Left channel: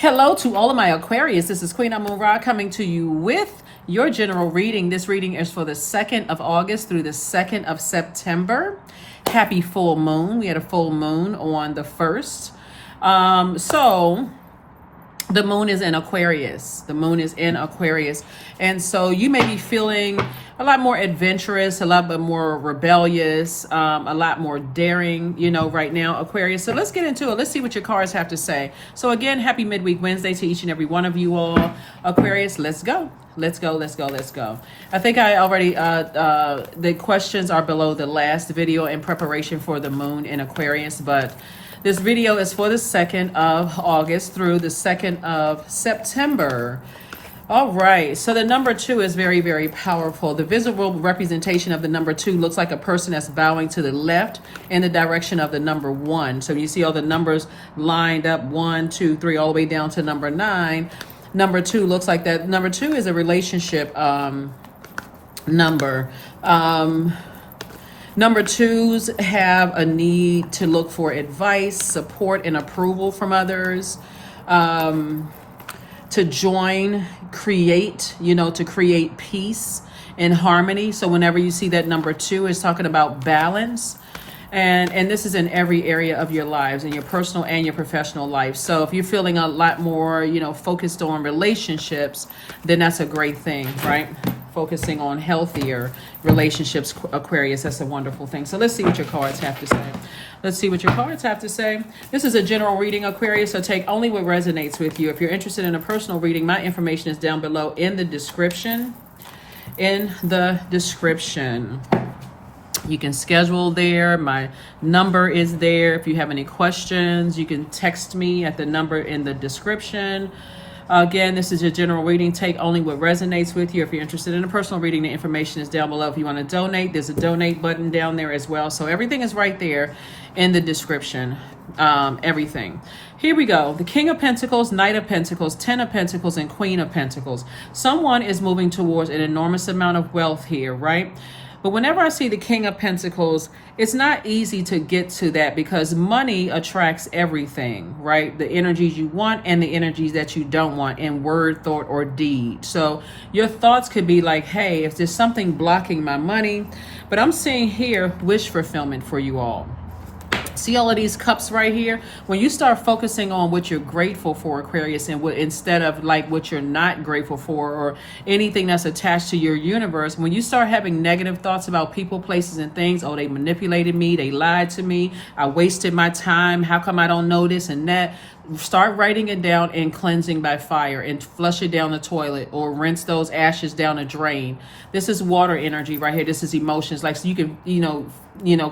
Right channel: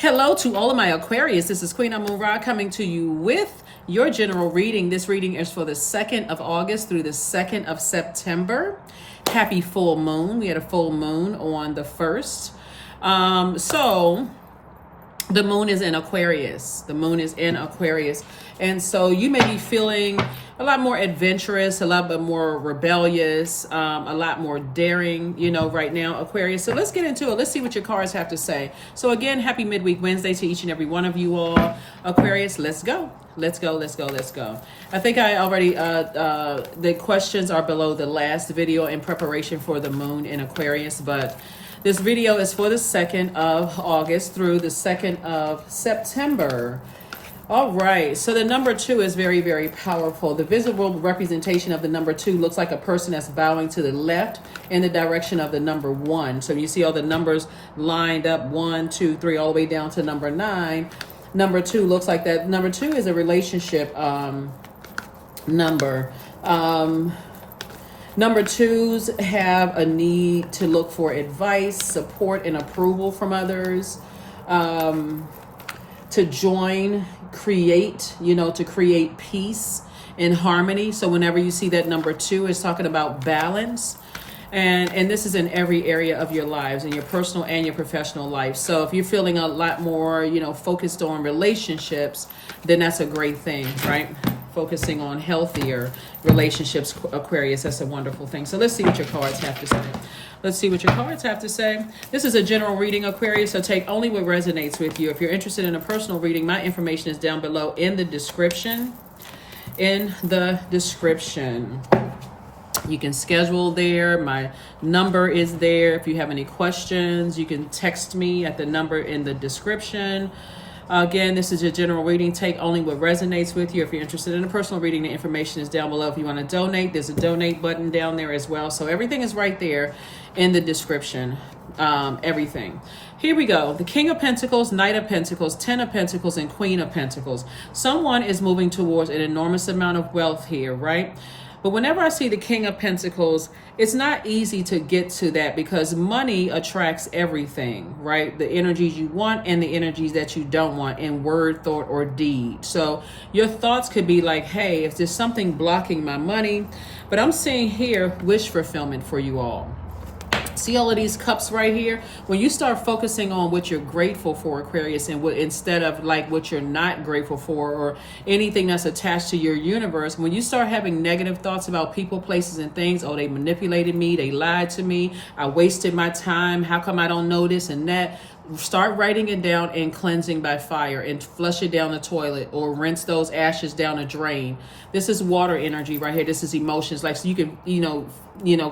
Hello to all of my Aquarius. This is Queen Amun Ra coming to you with your general reading. This reading is for the 2nd of August through the 2nd of September. Happy full moon. We had a full moon on the 1st. So the moon is in Aquarius. The moon is in Aquarius. And so you may be feeling a lot more adventurous, a lot bit more rebellious, a lot more daring, right now, Aquarius. So let's get into it. Let's see what your cards have to say. So again, happy midweek Wednesday to each and every one of you all. Aquarius, let's go. Let's go. I think I already, the questions are below the last video in preparation for the moon in Aquarius, but this video is for the 2nd of August through the 2nd of September. All right, so the number 2 is very, very powerful. The visible representation of the number 2 looks like a person that's bowing to the left in the direction of the number 1. So you see all the numbers lined up, 1, 2, 3, all the way down to number 9. Number 2 looks like that. Number 2 is a relationship number. Number 2s have a need to look for advice, support, and approval from others. To join, create, to create peace and harmony. So whenever you see that number 2 is talking about balance, and this is in every area of your lives, in your personal and your professional life. So if you're feeling a lot more, focused on relationships, then that's a great thing, right? Focusing on healthier relationships, Aquarius, that's a wonderful thing. So let's see what your cards have to say. This is a general reading, Aquarius, so take only what resonates with you. If you're interested in a personal reading, my information is down below in the description. You can schedule there. My number is there. If you have any questions, you can text me at the number in the description. Again, this is a general reading. Take only what resonates with you. If you're interested in a personal reading, the information is down below. If you want to donate, there's a donate button down there as well. So everything is right there in the description. Everything. Here we go. The King of Pentacles, Knight of Pentacles, 10 of Pentacles, and Queen of Pentacles. Someone is moving towards an enormous amount of wealth here, right? But whenever I see the King of Pentacles, it's not easy to get to that because money attracts everything, right? The energies you want and the energies that you don't want in word, thought, or deed. So your thoughts could be like, hey, if there's something blocking my money, but I'm seeing here wish fulfillment for you all. See all of these cups right here? When you start focusing on what you're grateful for, Aquarius, and instead of like what you're not grateful for or anything that's attached to your universe, when you start having negative thoughts about people, places, and things, oh, they manipulated me, they lied to me, I wasted my time, how come I don't know this and that? Start writing it down and cleansing by fire and flush it down the toilet or rinse those ashes down a drain. This is water energy right here. This is emotions. Like, so you can,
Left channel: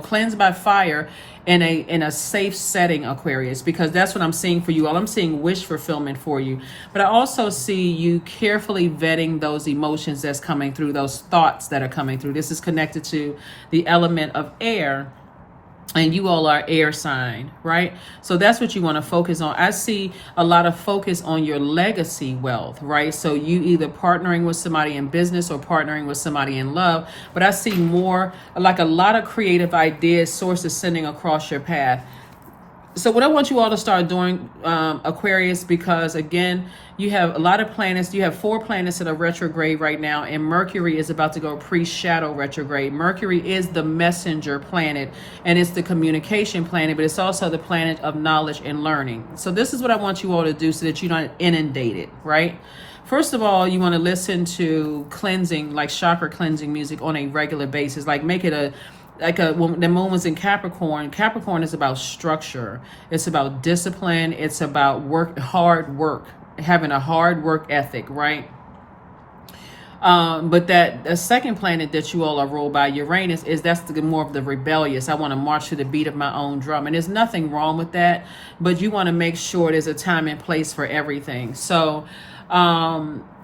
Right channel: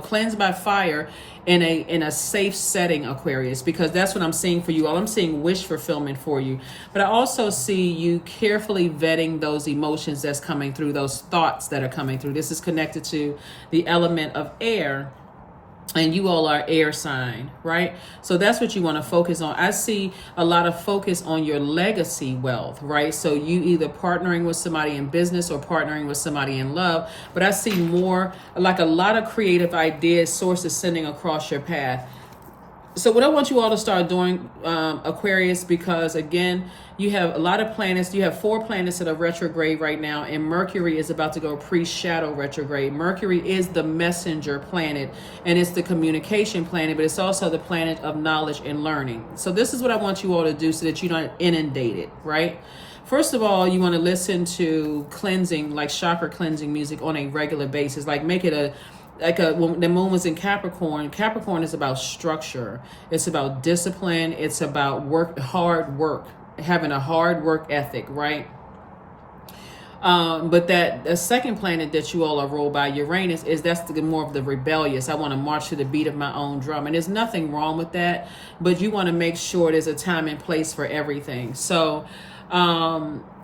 cleanse by fire in a safe setting, Aquarius, because that's what I'm seeing for you all. I'm seeing wish fulfillment for you, but I also see you carefully vetting those emotions that's coming through, those thoughts that are coming through. This is connected to the element of air. And you all are air sign, right? So that's what you want to focus on. I see a lot of focus on your legacy wealth, right? So you either partnering with somebody in business or partnering with somebody in love. But I see more like a lot of creative ideas, sources sending across your path. So what I want you all to start doing, Aquarius, because again, you have a lot of planets. You have 4 planets that are retrograde right now, and Mercury is about to go pre-shadow retrograde. Mercury is the messenger planet, and it's the communication planet, but it's also the planet of knowledge and learning. So this is what I want you all to do so that you're not inundated, right? First of all, you want to listen to cleansing, like chakra cleansing music on a regular basis. Like make it when the moon was in Capricorn. Capricorn is about structure. It's about discipline. It's about hard work, having a hard work ethic, right? But the second planet that you all are ruled by, Uranus, that's more of the rebellious. I want to march to the beat of my own drum. And there's nothing wrong with that, but you want to make sure there's a time and place for everything. So,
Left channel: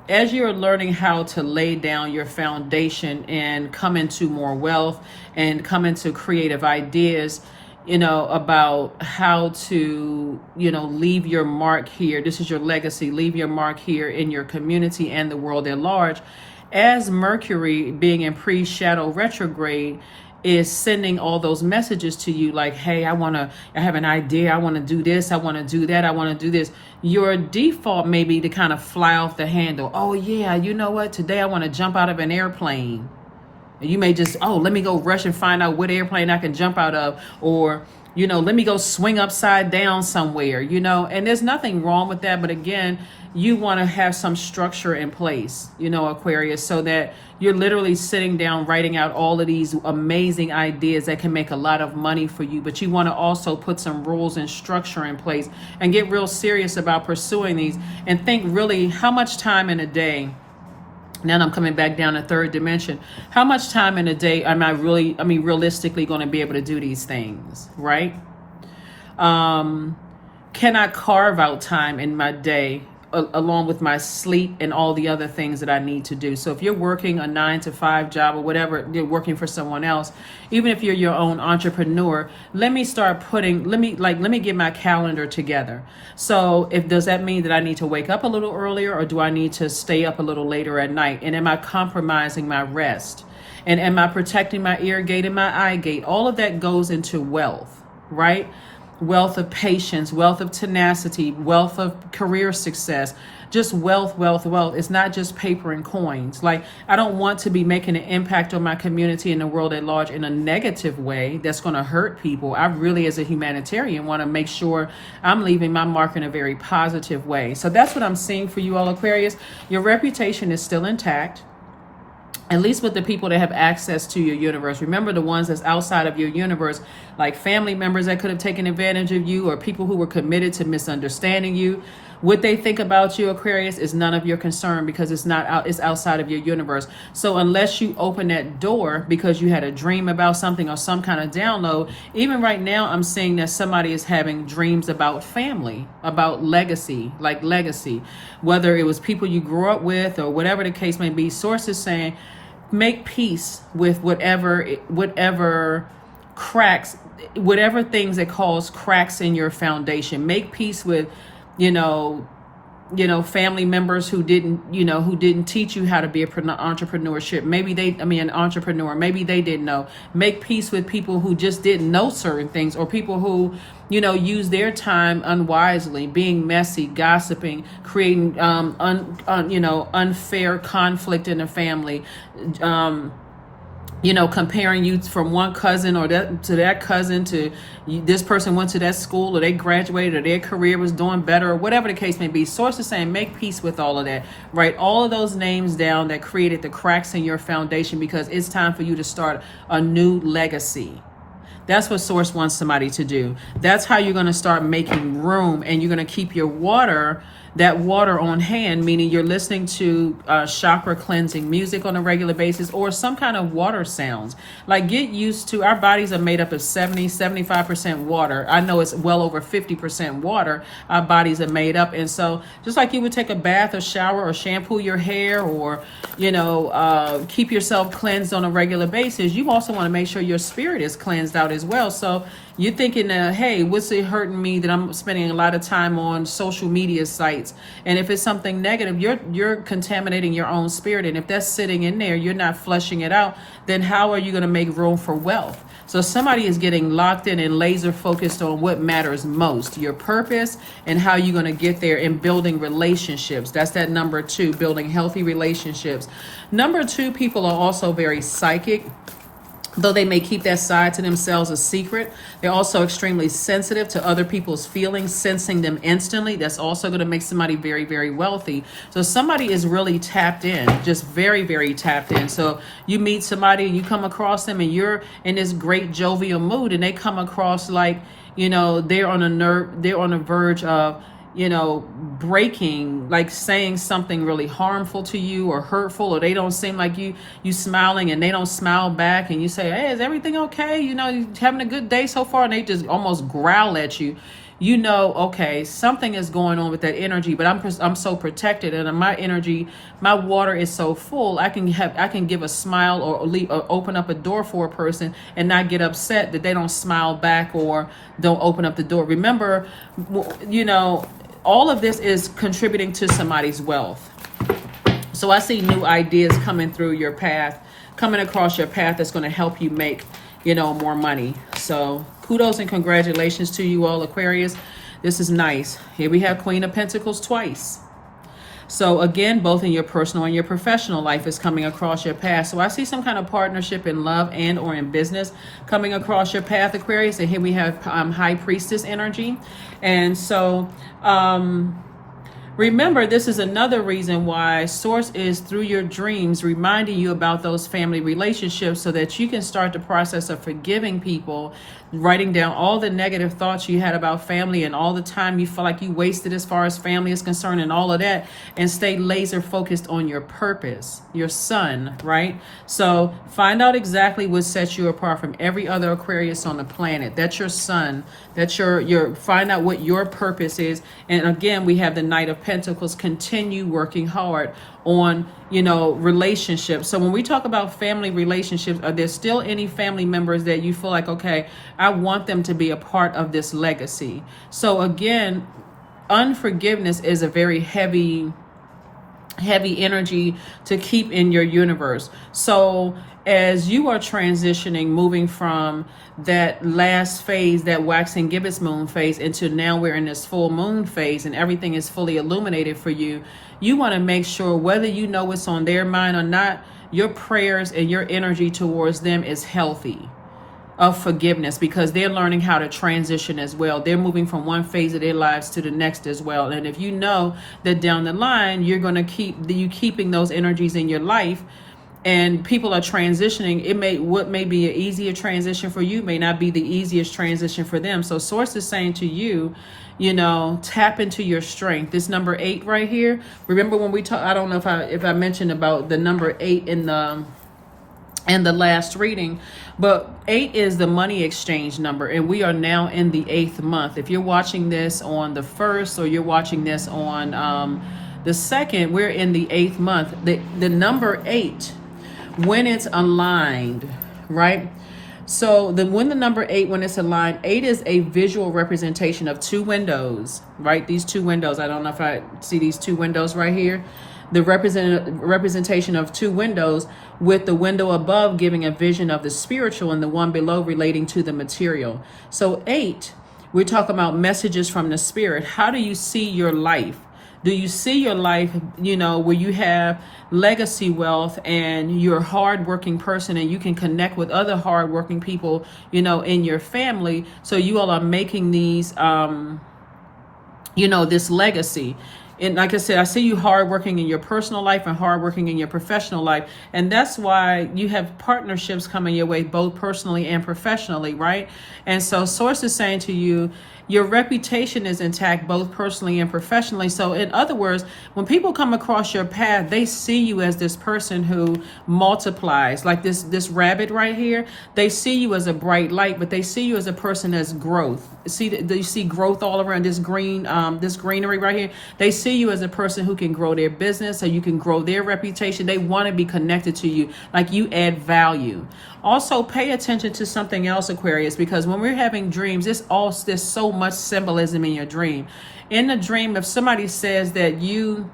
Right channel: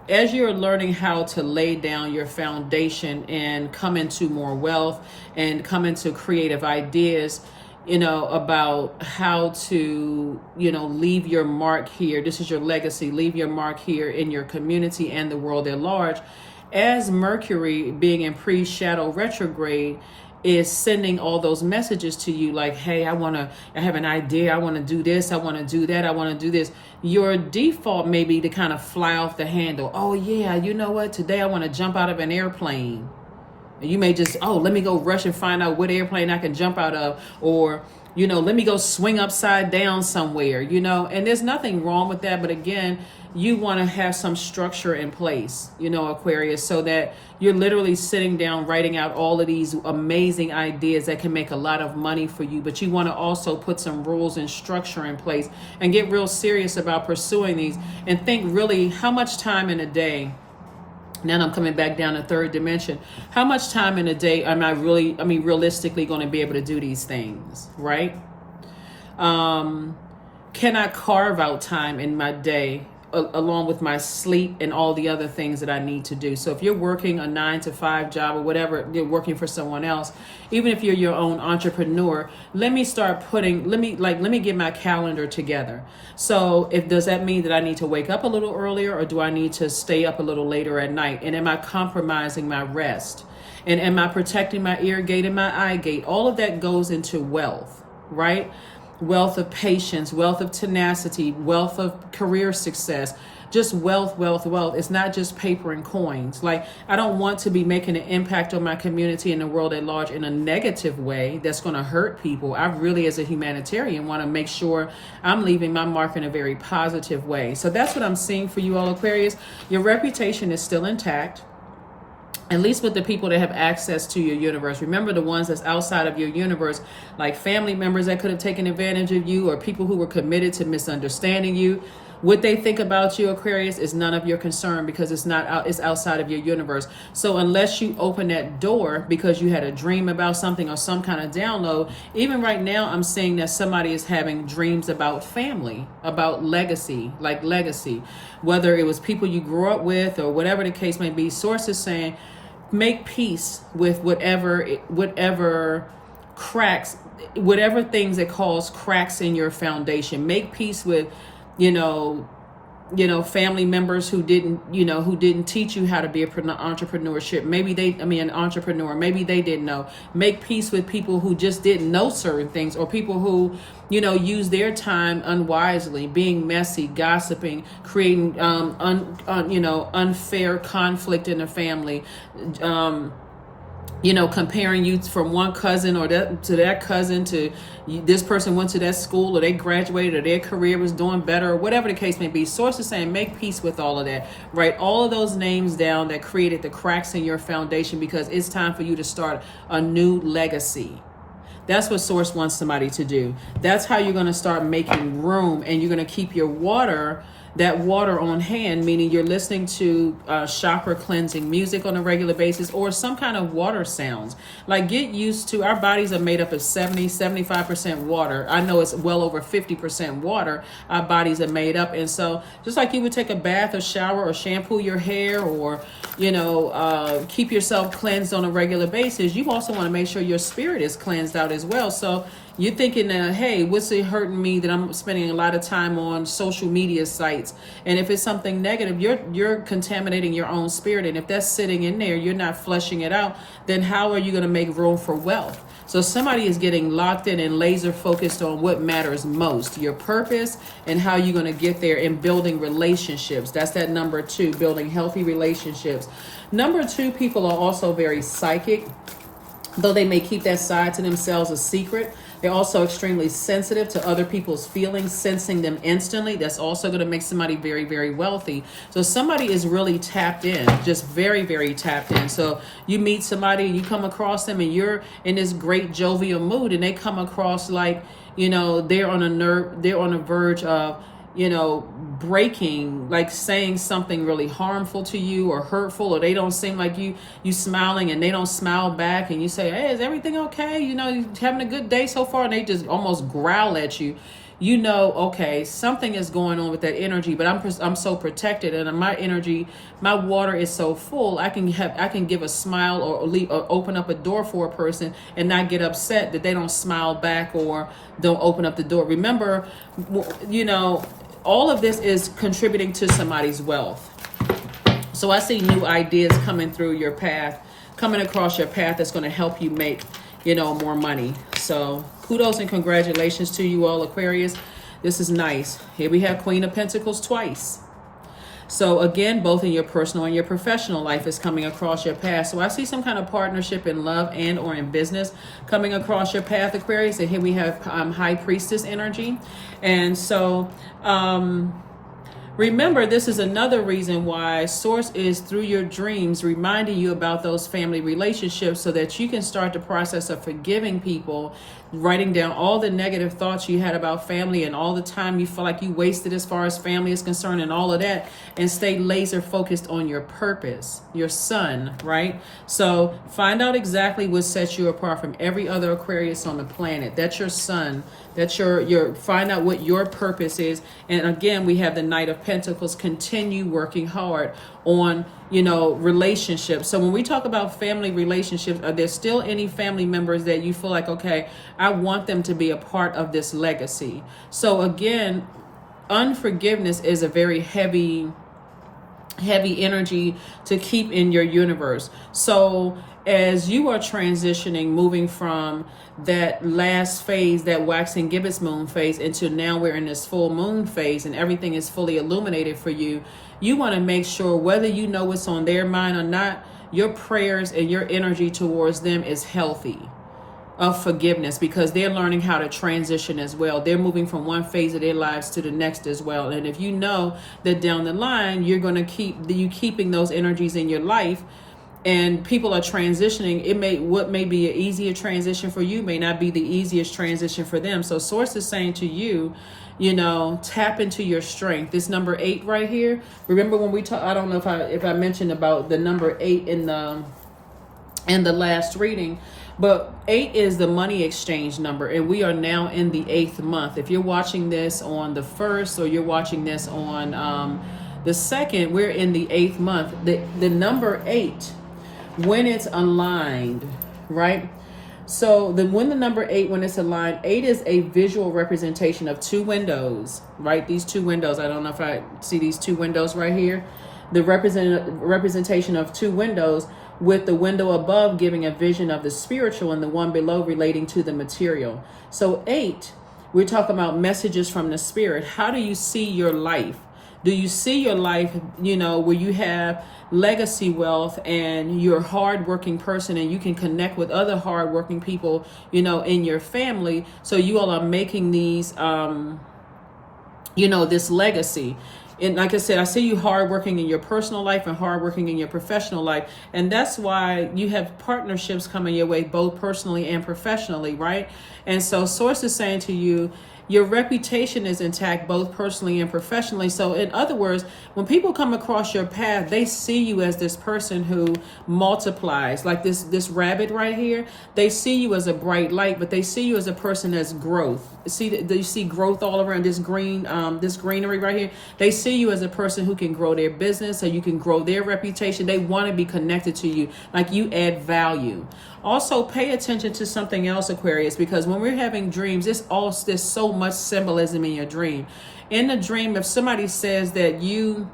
as you're learning how to lay down your foundation and come into more wealth and come into creative ideas, about how to, leave your mark here. This is your legacy. Leave your mark here in your community and the world at large. As Mercury being in pre-shadow retrograde, is sending all those messages to you like, hey, I have an idea, I want to do this, I want to do that, I want to do this. Your default may be to kind of fly off the handle. Oh yeah, you know what, today I want to jump out of an airplane. And you may just, let me go rush and find out what airplane I can jump out of, or let me go swing upside down somewhere, and there's nothing wrong with that. But again, you want to have some structure in place, Aquarius, so that you're literally sitting down, writing out all of these amazing ideas that can make a lot of money for you. But you want to also put some rules and structure in place and get real serious about pursuing these, and think really how much time in a day. Now I'm coming back down to third dimension. How much time in a day am I realistically going to be able to do these things, right? Can I carve out time in my day along with my sleep and all the other things that I need to do? So if you're working a 9-to-5 job or whatever, you're working for someone else, even if you're your own entrepreneur, let me get my calendar together. So does that mean that I need to wake up a little earlier, or do I need to stay up a little later at night? And am I compromising my rest? And am I protecting my ear gate and my eye gate? All of that goes into wealth, right? Wealth of patience, wealth of tenacity, wealth of career success, just wealth. It's not just paper and coins. Like, I don't want to be making an impact on my community and the world at large in a negative way that's going to hurt people. I really, as a humanitarian, want to make sure I'm leaving my mark in a very positive way. So that's what I'm seeing for you all, Aquarius. Your reputation is still intact, at least with the people that have access to your universe. Remember, the ones that's outside of your universe, like family members that could have taken advantage of you, or people who were committed to misunderstanding you. What they think about you, Aquarius, is none of your concern, because it's outside of your universe. So unless you open that door because you had a dream about something or some kind of download, even right now I'm seeing that somebody is having dreams about family, about legacy, whether it was people you grew up with or whatever the case may be. Sources saying, make peace with whatever cracks, whatever things that cause cracks in your foundation. Make peace with family members who didn't teach you how to be an entrepreneur. Maybe they didn't know. Make peace with people who just didn't know certain things, or people who, use their time unwisely, being messy, gossiping, creating, unfair conflict in the family, comparing you from one cousin to that cousin, to this person went to that school, or they graduated, or their career was doing better, or whatever the case may be. Sources saying, make peace with all of that. Write all of those names down that created the cracks in your foundation, because it's time for you to start a new legacy. That's what Source wants somebody to do. That's how you're going to start making room, and you're going to keep your water on hand, meaning you're listening to chakra cleansing music on a regular basis, or some kind of water sounds. Like, get used to, our bodies are made up of 75% water. I know it's well over 50% water our bodies are made up. And so just like you would take a bath or shower or shampoo your hair, or keep yourself cleansed on a regular basis, you also want to make sure your spirit is cleansed out as well. So you're thinking, hey, what's it hurting me that I'm spending a lot of time on social media sites? And if it's something negative, you're contaminating your own spirit. And if that's sitting in there, you're not flushing it out, then how are you going to make room for wealth? So somebody is getting locked in and laser focused on what matters most, your purpose, and how you're going to get there, and building relationships. That's that number 2, building healthy relationships. Number 2, people are also very psychic. Though they may keep that side to themselves a secret, they're also extremely sensitive to other people's feelings, sensing them instantly. That's also going to make somebody very, very wealthy. So somebody is really tapped in, just very, very tapped in. So you meet somebody and you come across them and you're in this great jovial mood, and they come across like, they're on a verge of, breaking, like saying something really harmful to you or hurtful, or they don't seem like you smiling and they don't smile back, and you say, hey, is everything okay? You having a good day so far? And they just almost growl at you. Okay, something is going on with that energy, but I'm so protected, and my energy, my water is so full. I can give a smile or open up a door for a person and not get upset that they don't smile back or don't open up the door. Remember, all of this is contributing to somebody's wealth. So I see new ideas coming across your path that's going to help you make more money. So kudos and congratulations to you all, Aquarius. This is nice. Here we have Queen of Pentacles twice. So again, both in your personal and your professional life is coming across your path. So I see some kind of partnership in love and or in business coming across your path, Aquarius. And here we have High Priestess energy. And so remember, this is another reason why Source is through your dreams reminding you about those family relationships so that you can start the process of forgiving people, writing down all the negative thoughts you had about family and all the time you feel like you wasted as far as family is concerned and all of that, and stay laser focused on your purpose, your sun, right? So find out exactly what sets you apart from every other Aquarius on the planet. That's your sun. That's your find out what your purpose is. And again, we have the Knight of Pentacles. Continue working hard on, relationships. So when we talk about family relationships, are there still any family members that you feel like, okay, I want them to be a part of this legacy? So again, unforgiveness is a very heavy energy to keep in your universe. So as you are transitioning, moving from that last phase, that waxing gibbous moon phase, into now we're in this full moon phase and everything is fully illuminated for you, you want to make sure, whether you know what's on their mind or not, your prayers and your energy towards them is healthy, of forgiveness, because they're learning how to transition as well. They're moving from one phase of their lives to the next as well. And if you know that down the line you're going to keeping those energies in your life, and people are transitioning, what may be an easier transition for you may not be the easiest transition for them. So Source is saying to you, tap into your strength. This number 8 right here. Remember when we talked, I don't know if I mentioned about the number 8 in the last reading, but 8 is the money exchange number, and we are now in the 8th month. If you're watching this on the 1st or you're watching this on the 2nd, we're in the 8th month. The number 8, when it's aligned, right? So when the number 8, when it's aligned, 8 is a visual representation of 2 windows, right? These 2 windows, I don't know if I see these 2 windows right here. The representation of 2 windows, with the window above giving a vision of the spiritual and the one below relating to the material. So 8, we're talking about messages from the spirit. How do you see your life? Do you see your life, where you have legacy wealth and you're a hardworking person and you can connect with other hardworking people, in your family. So you all are making these, this legacy. And like I said, I see you hardworking in your personal life and hardworking in your professional life. And that's why you have partnerships coming your way, both personally and professionally, right? And so Source is saying to you, your reputation is intact, both personally and professionally. So in other words, when people come across your path, they see you as this person who multiplies, like this rabbit right here. They see you as a bright light, but they see you as a person that's growth. You see growth all around this greenery right here. They see you as a person who can grow their business, so you can grow their reputation. They want to be connected to you, like you add value. Also, pay attention to something else, Aquarius, because when we're having dreams, there's so much symbolism in your dream. In the dream, if somebody says that you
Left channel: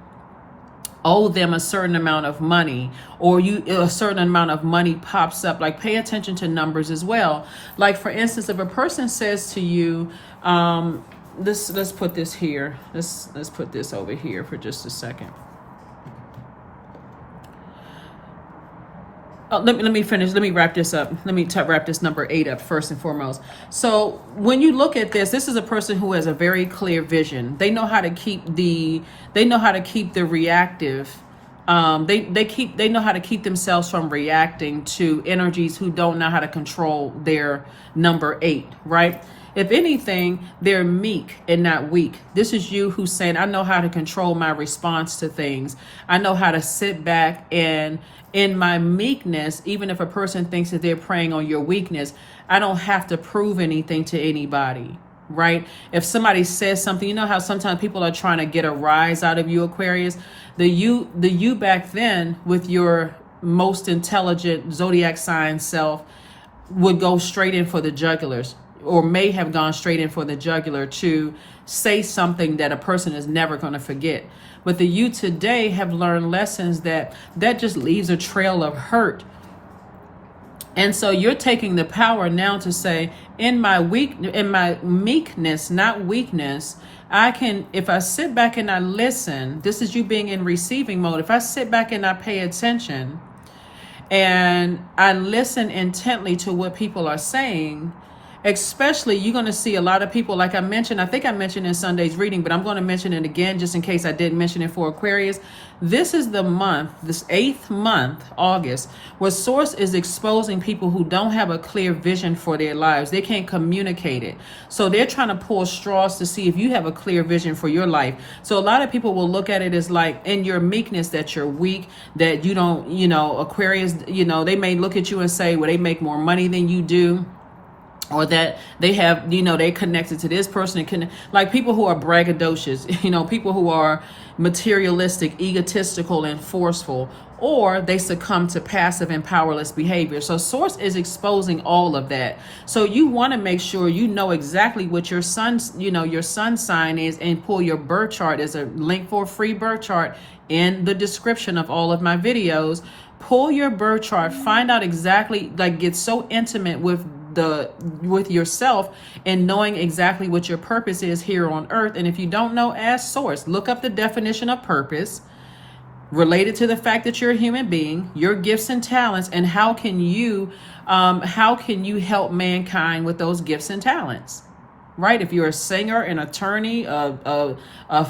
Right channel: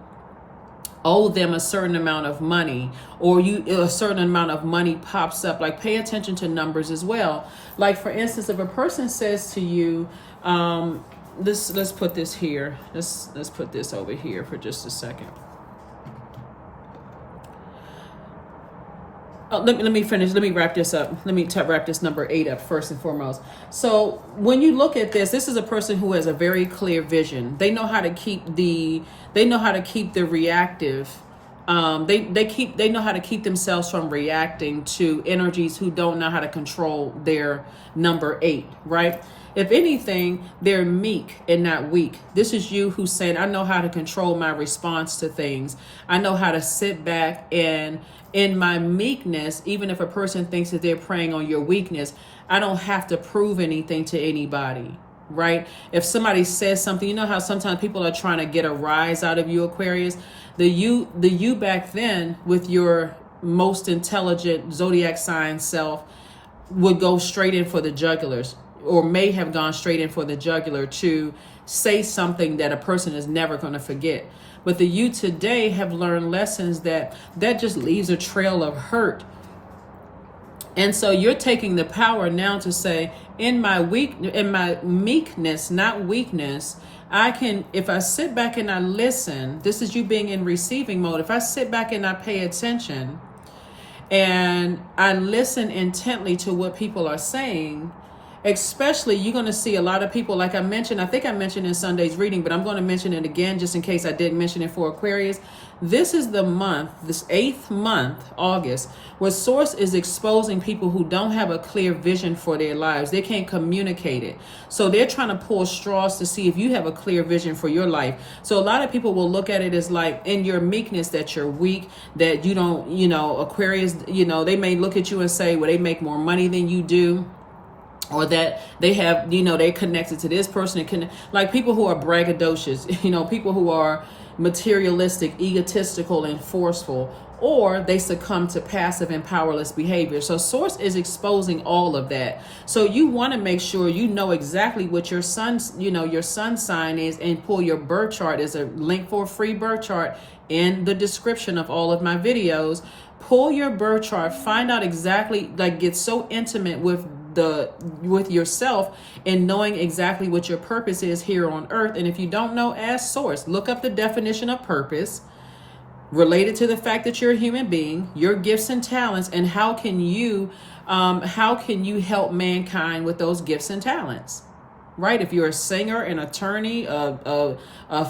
owe them a certain amount of money, or a certain amount of money pops up, like pay attention to numbers as well. Like for instance, if a person says to you, let's put this here. Let's put this over here for just a second. Let me finish. Let me wrap this up. Let me wrap this number 8 up first and foremost. So when you look at this is a person who has a very clear vision. They know how to keep the reactive. They know how to keep themselves from reacting to energies who don't know how to control their number 8, right? If anything, they're meek and not weak. This is you who's saying, I know how to control my response to things. I know how to sit back and in my meekness, even if a person thinks that they're preying on your weakness, I don't have to prove anything to anybody, right? If somebody says something, you know how sometimes people are trying to get a rise out of you, Aquarius? The you back then with your most intelligent zodiac sign self would go straight in for the jugulars, or may have gone straight in for the jugular to say something that a person is never going to forget. But the you today have learned lessons that just leaves a trail of hurt And so you're taking the power now to say, in my meekness, not weakness, I can, if I sit back and I listen, this is you being in receiving mode. If I sit back and I pay attention and I listen intently to what people are saying, especially you're going to see a lot of people, like I mentioned, I think I mentioned in Sunday's reading, but I'm going to mention it again just in case I didn't mention it for Aquarius. This is the month, this 8th month, August, where Source is exposing people who don't have a clear vision for their lives. They can't communicate it. So they're trying to pull straws to see if you have a clear vision for your life. So a lot of people will look at it as like in your meekness that you're weak, that you don't, Aquarius, they may look at you and say, well, they make more money than you do. Or that they have, they connected to this person. Like people who are braggadocious, people who are materialistic, egotistical, and forceful, or they succumb to passive and powerless behavior. So Source is exposing all of that. So you want to make sure you know exactly what your sun's, your sun sign is, and pull your birth chart. There's a link for a free birth chart in the description of all of my videos. Pull your birth chart, find out exactly, like get so intimate with yourself and knowing exactly what your purpose is here on earth. And if you don't know, ask Source. Look up the definition of purpose related to the fact that you're a human being, your gifts and talents, and how can you help mankind with those gifts and talents. Right? If you're a singer, an attorney, a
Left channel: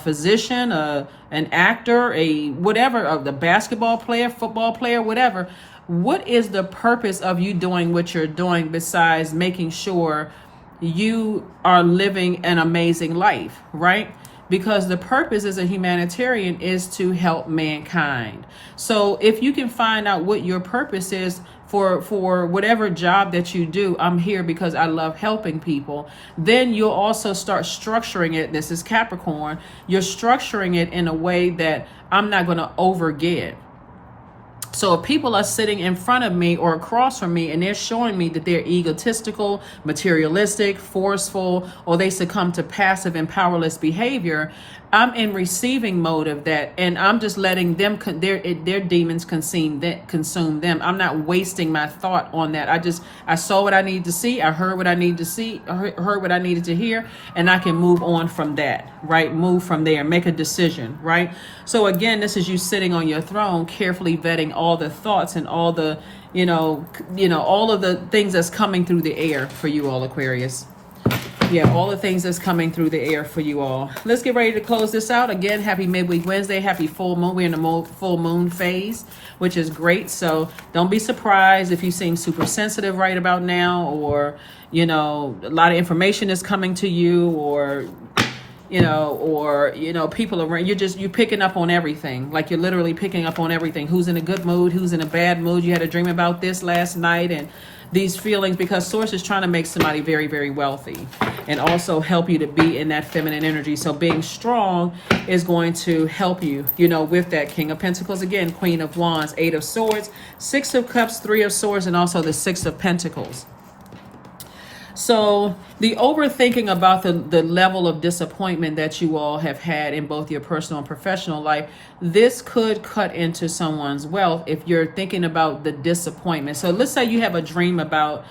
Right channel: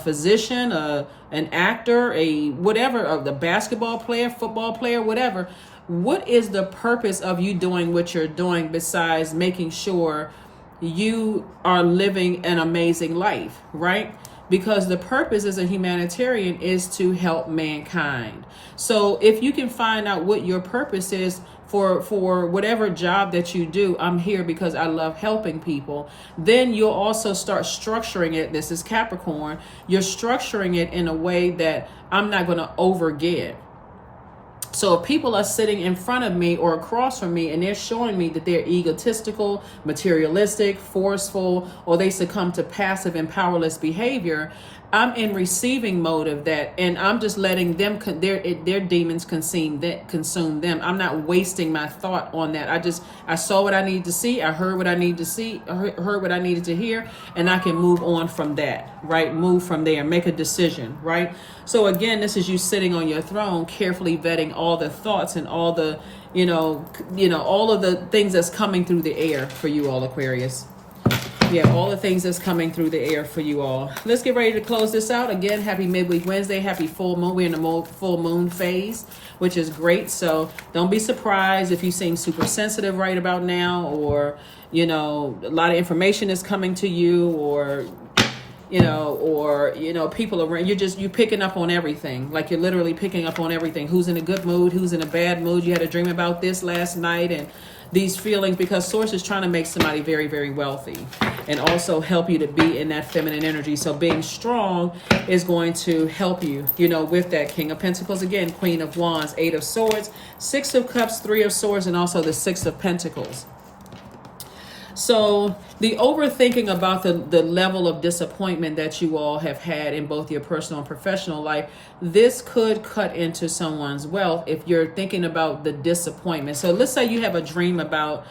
physician, an actor, a the basketball player, football player, whatever. What is the purpose of you doing what you're doing besides making sure you are living an amazing life, right? Because the purpose as a humanitarian is to help mankind. So if you can find out what your purpose is for whatever job that you do, I'm here because I love helping people, then you'll also start structuring it. This is Capricorn. You're structuring it in a way that I'm not going to overgive. So if people are sitting in front of me or across from me and they're showing me that they're egotistical, materialistic, forceful, or they succumb to passive and powerless behavior, I'm in receiving mode of that, and I'm just letting them their demons consume them. I'm not wasting my thought on that. I saw what I needed to see, I heard what I needed to see, I heard what I needed to hear, and I can move on from that, right? Move from there, make a decision, right? So again, this is you sitting on your throne, carefully vetting all the thoughts and all the, all of the things that's coming through the air for you all, Aquarius. Yeah, all the things that's coming through the air for you all. Let's get ready to close this out. Again, happy midweek Wednesday, happy full moon. We're in the full moon phase, which is great. So don't be surprised if you seem super sensitive right about now, or, a lot of information is coming to you, or people around, you're picking up on everything. Like you're literally picking up on everything. Who's in a good mood, who's in a bad mood. You had a dream about this last night, and these feelings, because Source is trying to make somebody very, very wealthy and also help you to be in that feminine energy. So being strong is going to help you, with that. King of Pentacles again, Queen of Wands, 8 of Swords, 6 of Cups, 3 of Swords, and also the 6 of Pentacles. So the overthinking about the level of disappointment that you all have had in both your personal and professional life, this could cut into someone's wealth if you're thinking about the disappointment. So let's say you have a dream about,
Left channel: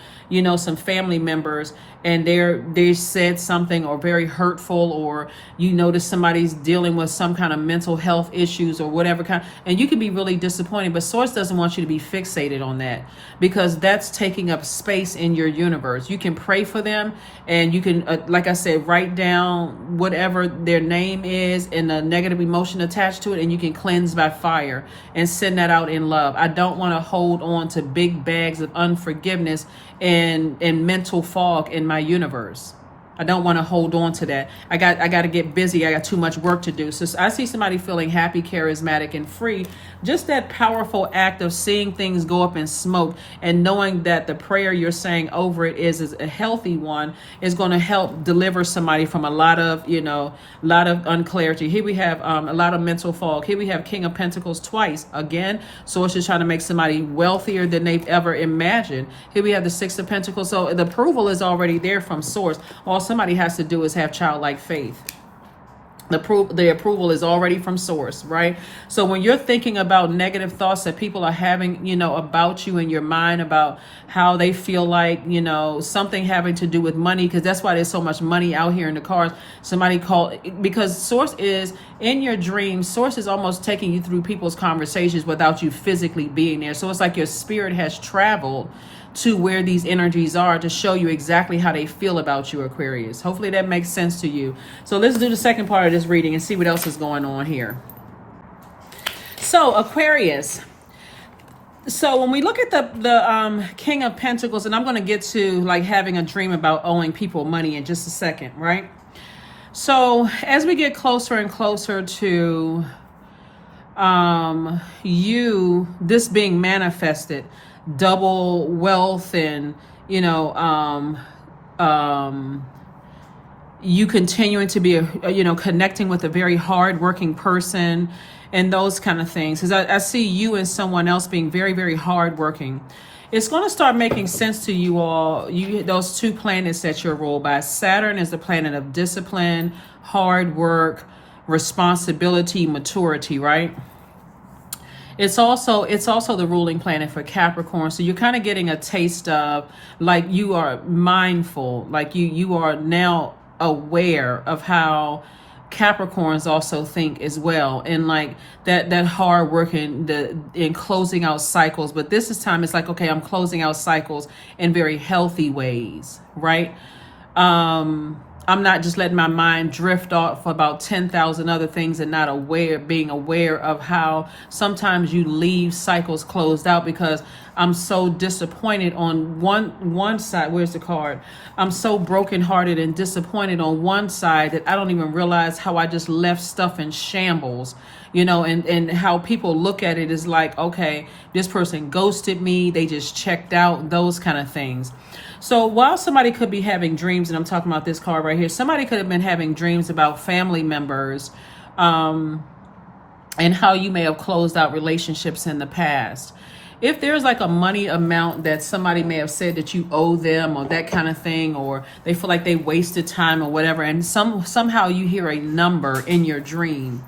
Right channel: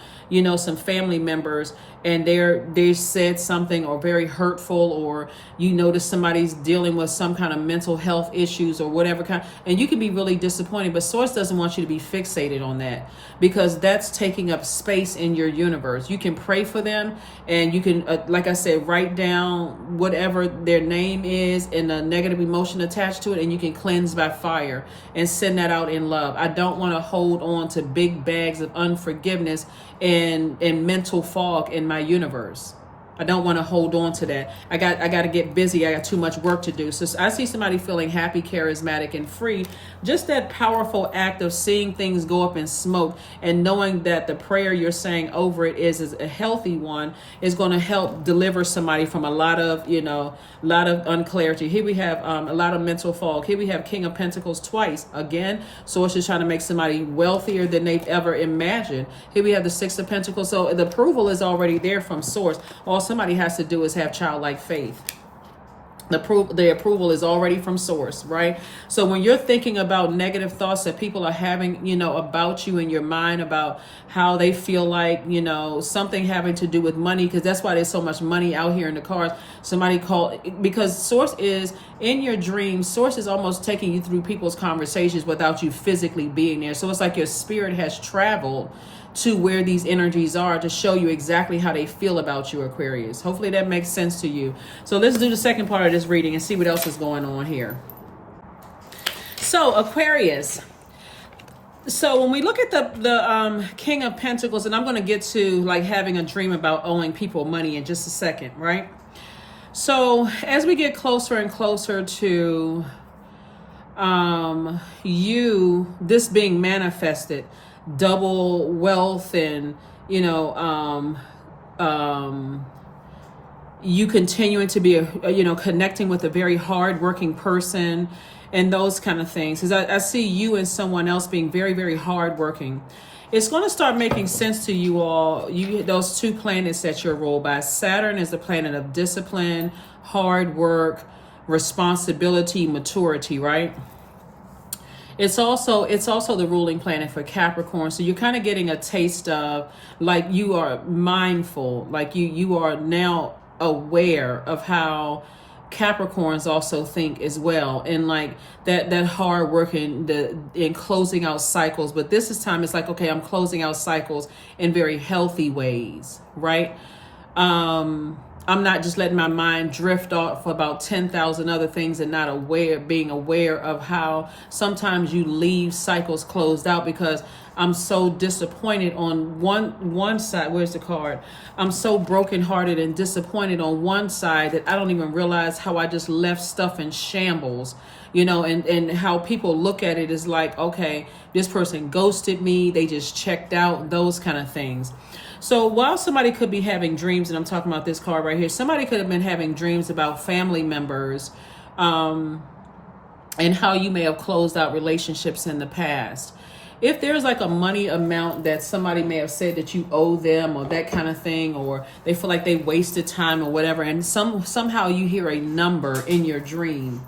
some family members, and they said something or very hurtful, or you notice somebody's dealing with some kind of mental health issues or whatever kind, and you can be really disappointed. But Source doesn't want you to be fixated on that, because that's taking up space in your universe. You can pray for them, and you can, like I said, write down whatever their name is and the negative emotion attached to it, and you can cleanse by fire and send that out in love. I don't want to hold on to big bags of unforgiveness and mental fog in my universe. I don't want to hold on to that. I got to get busy. I got too much work to do. So I see somebody feeling happy, charismatic, and free. Just that powerful act of seeing things go up in smoke and knowing that the prayer you're saying over it is a healthy one is going to help deliver somebody from a lot of unclarity. Here we have a lot of mental fog. Here we have King of Pentacles twice. Again, Source is trying to make somebody wealthier than they've ever imagined. Here we have the 6 of Pentacles. So the approval is already there from Source. All somebody has to do is have childlike faith. The approval is already from source, right? So when you're thinking about negative thoughts that people are having, about you in your mind, about how they feel like, something having to do with money, because that's why there's so much money out here in the cars. Somebody called, because source is in your dreams. Source is almost taking you through people's conversations without you physically being there. So it's like your spirit has traveled to where these energies are to show you exactly how they feel about you, Aquarius. Hopefully that makes sense to you. So let's do the second part of this reading and see what else is going on here. So Aquarius. So when we look at the King of Pentacles, and I'm going to get to like having a dream about owing people money in just a second, right? So as we get closer and closer to this being manifested, double wealth, and you continuing to be connecting with a very hardworking person and those kind of things, because I see you and someone else being very, very hardworking. It's going to start making sense to you all. Those two planets that you're ruled by. Saturn is the planet of discipline, hard work, responsibility, maturity, right? It's also the ruling planet for Capricorn. So you're kind of getting a taste of, like, you are mindful, like you are now aware of how Capricorns also think as well, and like that hard work in closing out cycles. But this is time, it's like, okay, I'm closing out cycles in very healthy ways, right? I'm not just letting my mind drift off about 10,000 other things and not being aware of how sometimes you leave cycles closed out because I'm so disappointed on one side. Where's the card? I'm so brokenhearted and disappointed on one side that I don't even realize how I just left stuff in shambles, and how people look at it is like, okay, this person ghosted me, they just checked out, those kind of things. So while somebody could be having dreams, and I'm talking about this card right here, somebody could have been having dreams about family members, and how you may have closed out relationships in the past. If there's like a money amount that somebody may have said that you owe them, or that kind of thing, or they feel like they wasted time or whatever, and somehow you hear a number in your dream,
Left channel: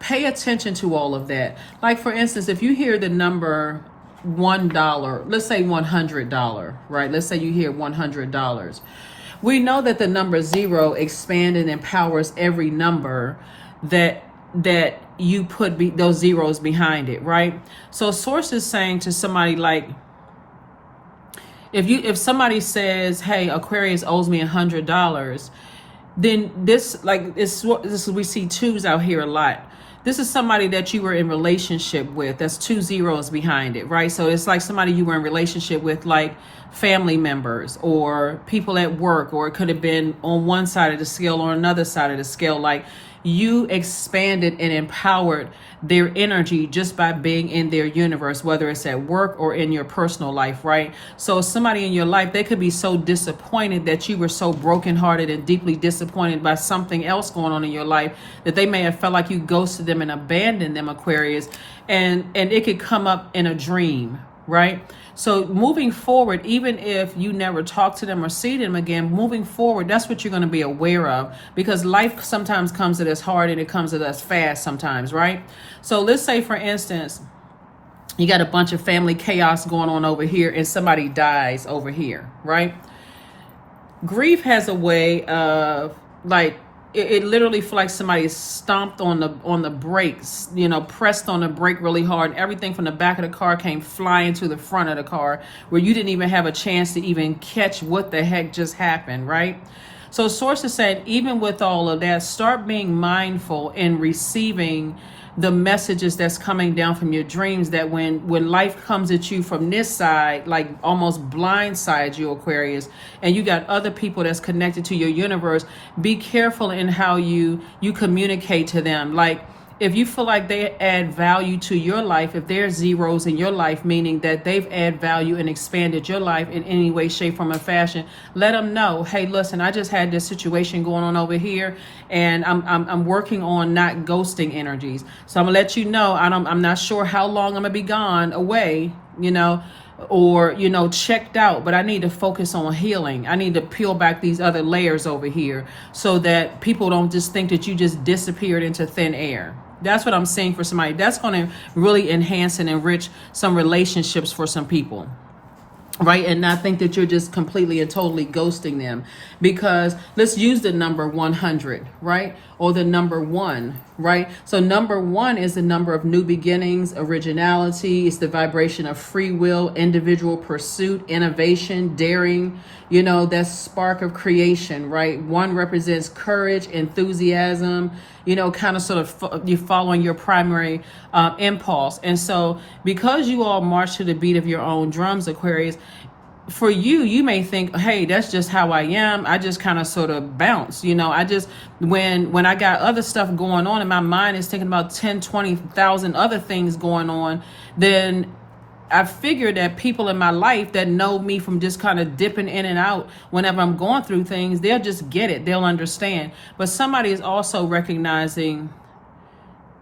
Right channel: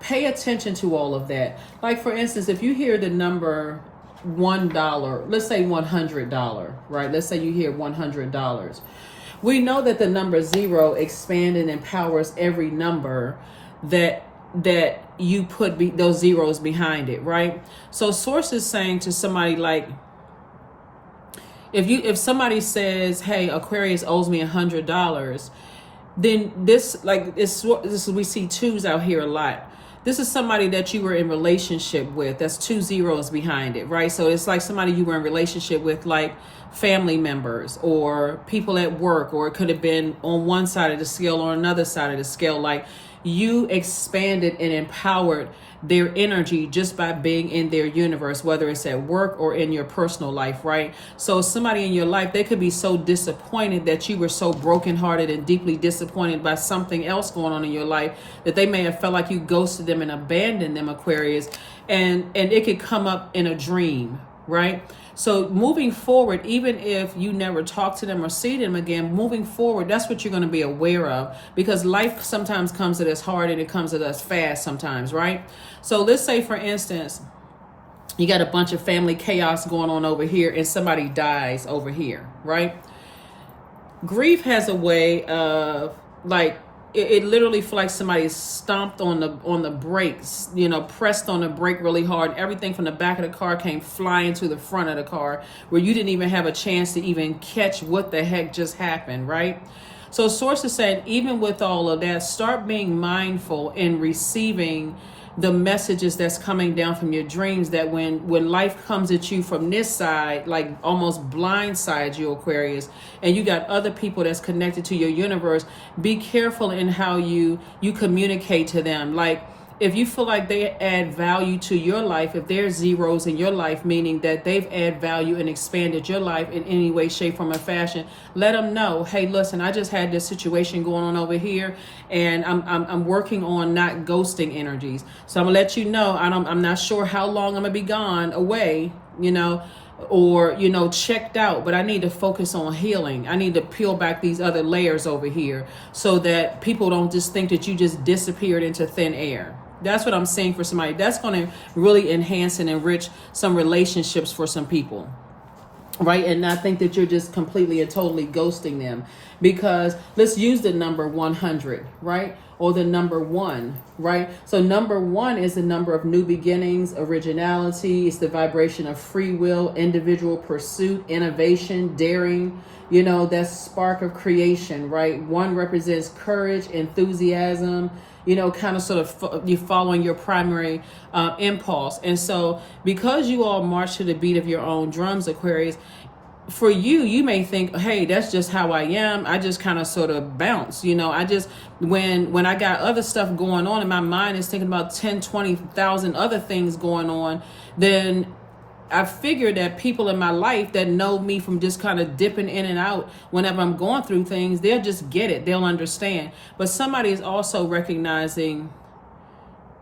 pay attention to all of that. Like, for instance, if you hear the number $1, let's say $100, right? Let's say you hear $100. We know that the number 0 expands and empowers every number that you put those zeros behind it, right? So source is saying to somebody, like, if somebody says, hey, Aquarius owes me $100, then this we see twos out here a lot. This is somebody that you were in relationship with. That's 2 zeros behind it, right? So it's like somebody you were in relationship with, like family members or people at work, or it could have been on one side of the scale or another side of the scale. Like, you expanded and empowered their energy just by being in their universe, whether it's at work or in your personal life, right? So somebody in your life, they could be so disappointed that you were so brokenhearted and deeply disappointed by something else going on in your life that they may have felt like you ghosted them and abandoned them, Aquarius, and it could come up in a dream, right? So moving forward, even if you never talk to them or see them again, moving forward, that's what you're going to be aware of, because life sometimes comes at us hard and it comes at us fast sometimes, right? So let's say, for instance, you got a bunch of family chaos going on over here and somebody dies over here, right? Grief has a way of, like, it literally feels like somebody stomped on the brakes, pressed on the brake really hard. Everything from the back of the car came flying to the front of the car, where you didn't even have a chance to even catch what the heck just happened, right? So sources said, even with all of that, start being mindful in receiving the messages that's coming down from your dreams, that when life comes at you from this side, like almost blindsides you, Aquarius, and you got other people that's connected to your universe, be careful in how you communicate to them. Like, if you feel like they add value to your life, if they're zeros in your life, meaning that they've added value and expanded your life in any way, shape, form, or fashion, let them know, hey, listen, I just had this situation going on over here, and I'm working on not ghosting energies. So I'm gonna let you know, I'm not sure how long I'm gonna be gone away, or, you know, checked out, but I need to focus on healing. I need to peel back these other layers over here so that people don't just think that you just disappeared into thin air. That's what I'm saying for somebody. That's going to really enhance and enrich some relationships for some people. Right, and not think that you're just completely and totally ghosting them, because let's use the number 100, right, or the number 1, right? So number 1 is the number of new beginnings, originality. It's the vibration of free will, individual pursuit, innovation, daring. You know, that spark of creation, right? 1 represents courage, enthusiasm. You know, kind of sort of you following your primary impulse. And so because you all march to the beat of your own drums, Aquarius, for you, you may think, hey, that's just how I am. I just kind of sort of bounce. You know, I just, when I got other stuff going on and my mind is thinking about 10, 20,000 other things going on, then I figured that people in my life that know me from just kind of dipping in and out whenever I'm going through things, they'll just get it. They'll understand. But somebody is also recognizing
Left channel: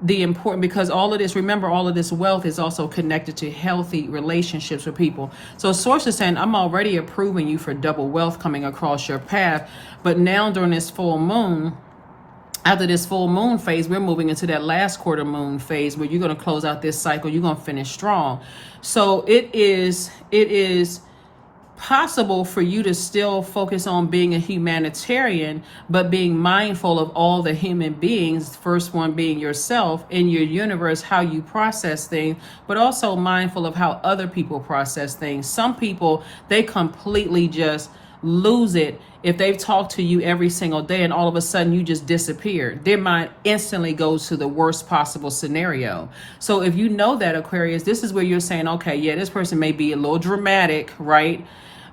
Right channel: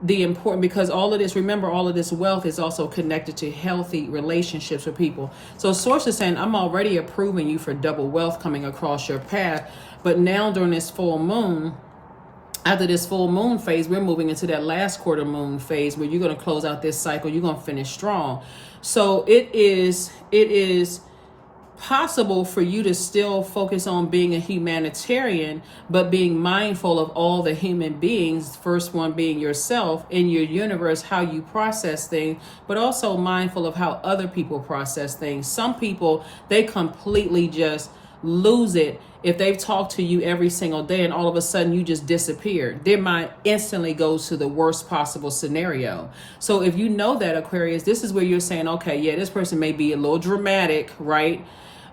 the important, because all of this, remember, all of this wealth is also connected to healthy relationships with people. So Source is saying, I'm already approving you for double wealth coming across your path. But now during this full moon, after this full moon phase, we're moving into that last quarter moon phase where you're going to close out this cycle. You're going to finish strong. So it is possible for you to still focus on being a humanitarian, but being mindful of all the human beings, first one being yourself in your universe, how you process things, but also mindful of how other people process things. Some people, they completely just lose it if they've talked to you every single day and all of a sudden you just disappear. Their mind instantly goes to the worst possible scenario. So if you know that, Aquarius, this is where you're saying, okay, yeah, this person may be a little dramatic, right?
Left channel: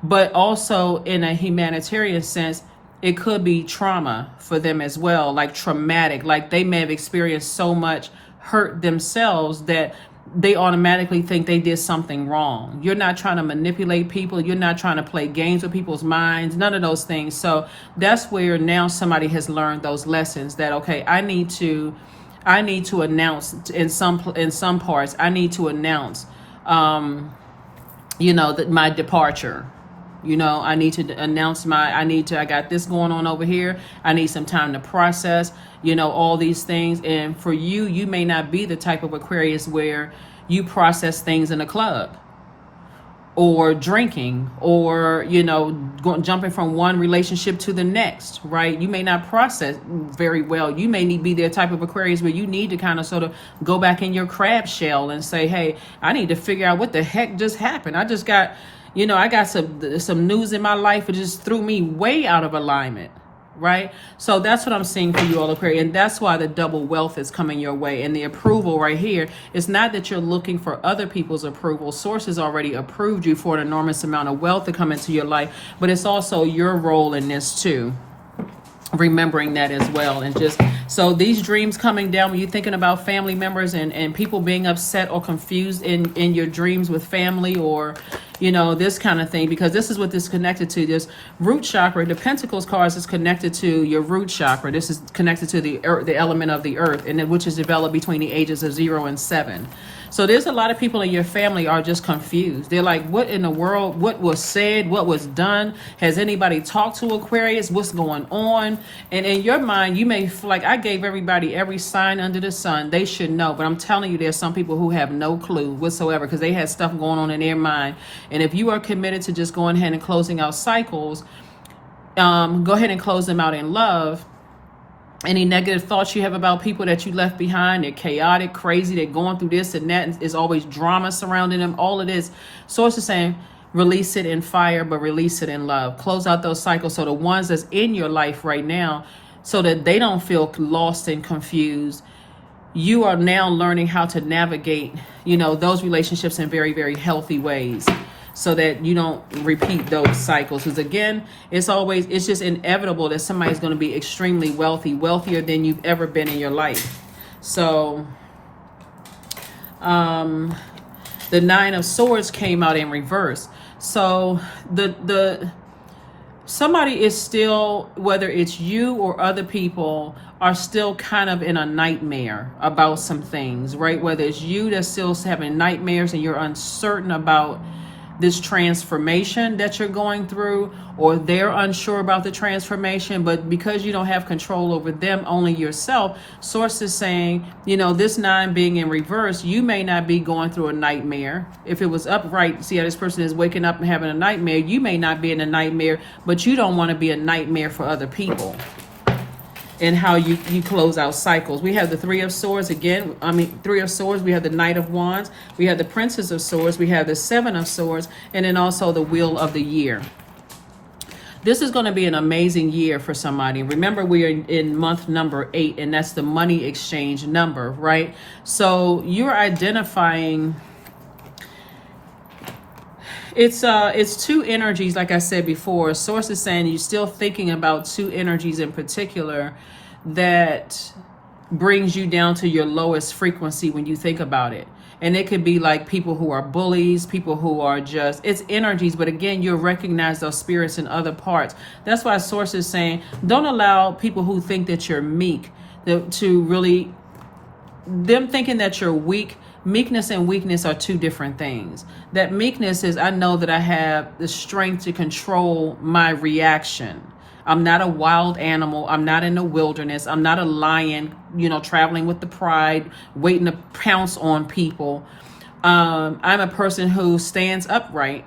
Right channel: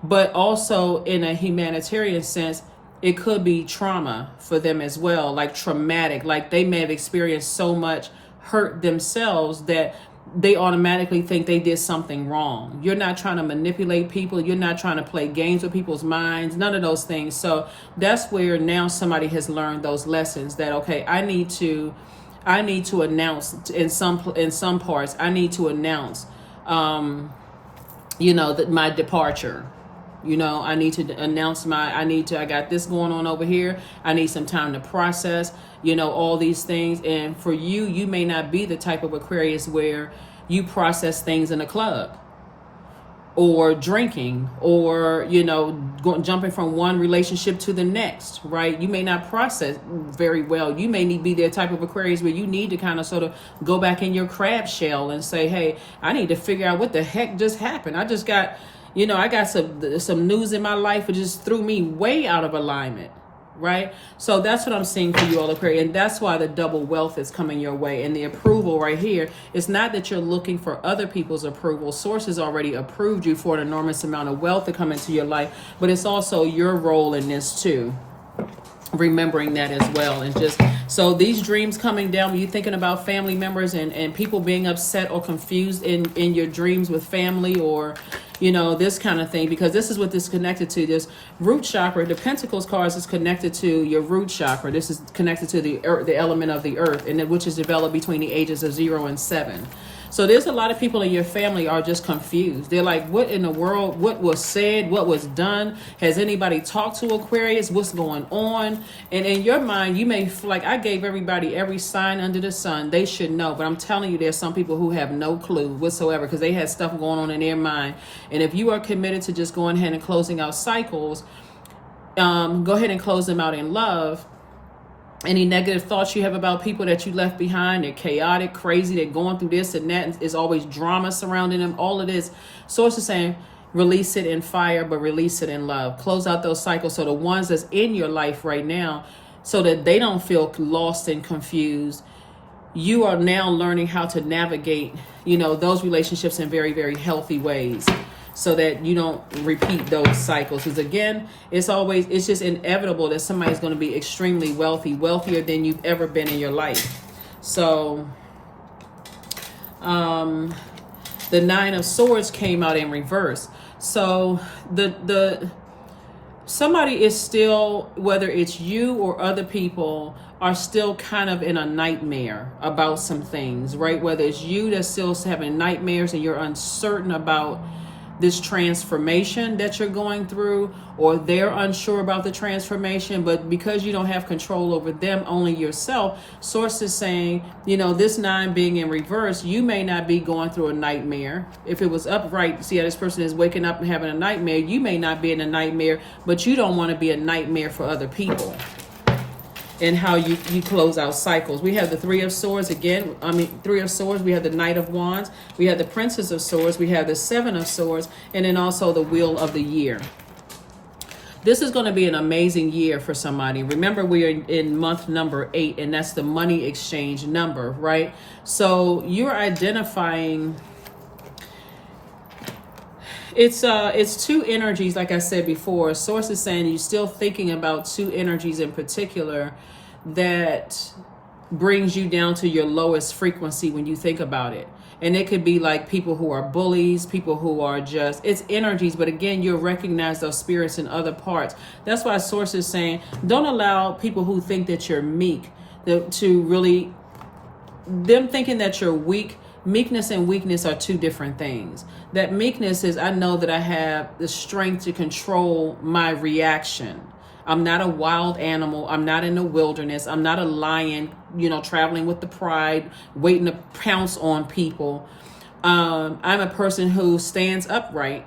But also in a humanitarian sense, it could be trauma for them as well, like traumatic, like they may have experienced so much hurt themselves that they automatically think they did something wrong. You're not trying to manipulate people. You're not trying to play games with people's minds, none of those things. So that's where now somebody has learned those lessons that, okay, I need to announce in some parts, I need to announce, that my departure. You know, I need to announce I got this going on over here. I need some time to process, all these things. And for you, you may not be the type of Aquarius where you process things in a club or drinking or, jumping from one relationship to the next, right? You may not process very well. You may be the type of Aquarius where you need to kind of sort of go back in your crab shell and say, hey, I need to figure out what the heck just happened. I just got... I got some news in my life that just threw me way out of alignment, right? So that's what I'm seeing for you all, Aquarius. And that's why the double wealth is coming your way. And the approval right here, it's not that you're looking for other people's approval. Source has already approved you for an enormous amount of wealth to come into your life. But it's also your role in this too. Remembering that as well. And just so these dreams coming down, when you're thinking about family members and people being upset or confused in your dreams with family or this kind of thing, because this is what this is connected to. This root chakra, the Pentacles cards, is connected to your root chakra. This is connected to the earth, the element of the earth, and which is developed between the ages of 0 and 7. So there's a lot of people in your family are just confused. They're like, what in the world? What was said? What was done? Has anybody talked to Aquarius? What's going on? And in your mind, you may feel like I gave everybody every sign under the sun. They should know. But I'm telling you, there's some people who have no clue whatsoever because they had stuff going on in their mind. And if you are committed to just going ahead and closing out cycles, go ahead and close them out in love. Any negative thoughts you have about people that you left behind, they're chaotic, crazy, they're going through this and that, and there's always drama surrounding them, all of this. Source is saying, release it in fire, but release it in love. Close out those cycles. So the ones that's in your life right now, so that they don't feel lost and confused, you are now learning how to navigate, those relationships in very, very healthy ways, so that you don't repeat those cycles. Because again, it's just inevitable that somebody's going to be extremely wealthy, wealthier than you've ever been in your life. So the 9 of Swords came out in reverse. So the somebody is still, whether it's you or other people, are still kind of in a nightmare about some things, right? Whether it's you that's still having nightmares and you're uncertain about this transformation that you're going through, or they're unsure about the transformation, but because you don't have control over them, only yourself, Source is saying, this 9 being in reverse, you may not be going through a nightmare. If it was upright, see how this person is waking up and having a nightmare, you may not be in a nightmare, but you don't want to be a nightmare for other people. And how you close out cycles. We have the 3 of Swords again. 3 of Swords. We have the Knight of Wands. We have the Princess of Swords. We have the 7 of Swords. And then also the Wheel of the Year. This is going to be an amazing year for somebody. Remember, we are in month number 8, and that's the money exchange number, right? So you're identifying... It's 2 energies, like I said before. Source is saying you're still thinking about 2 energies in particular that brings you down to your lowest frequency when you think about it. And it could be like people who are bullies, people who are just, it's energies, but again, you'll recognize those spirits in other parts. That's why Source is saying, don't allow people who think that you're meek to really, them thinking that you're weak. Meekness and weakness are 2 different things. That meekness is, I know that I have the strength to control my reaction. I'm not a wild animal. I'm not in the wilderness. I'm not a lion, traveling with the pride, waiting to pounce on people. I'm a person who stands upright.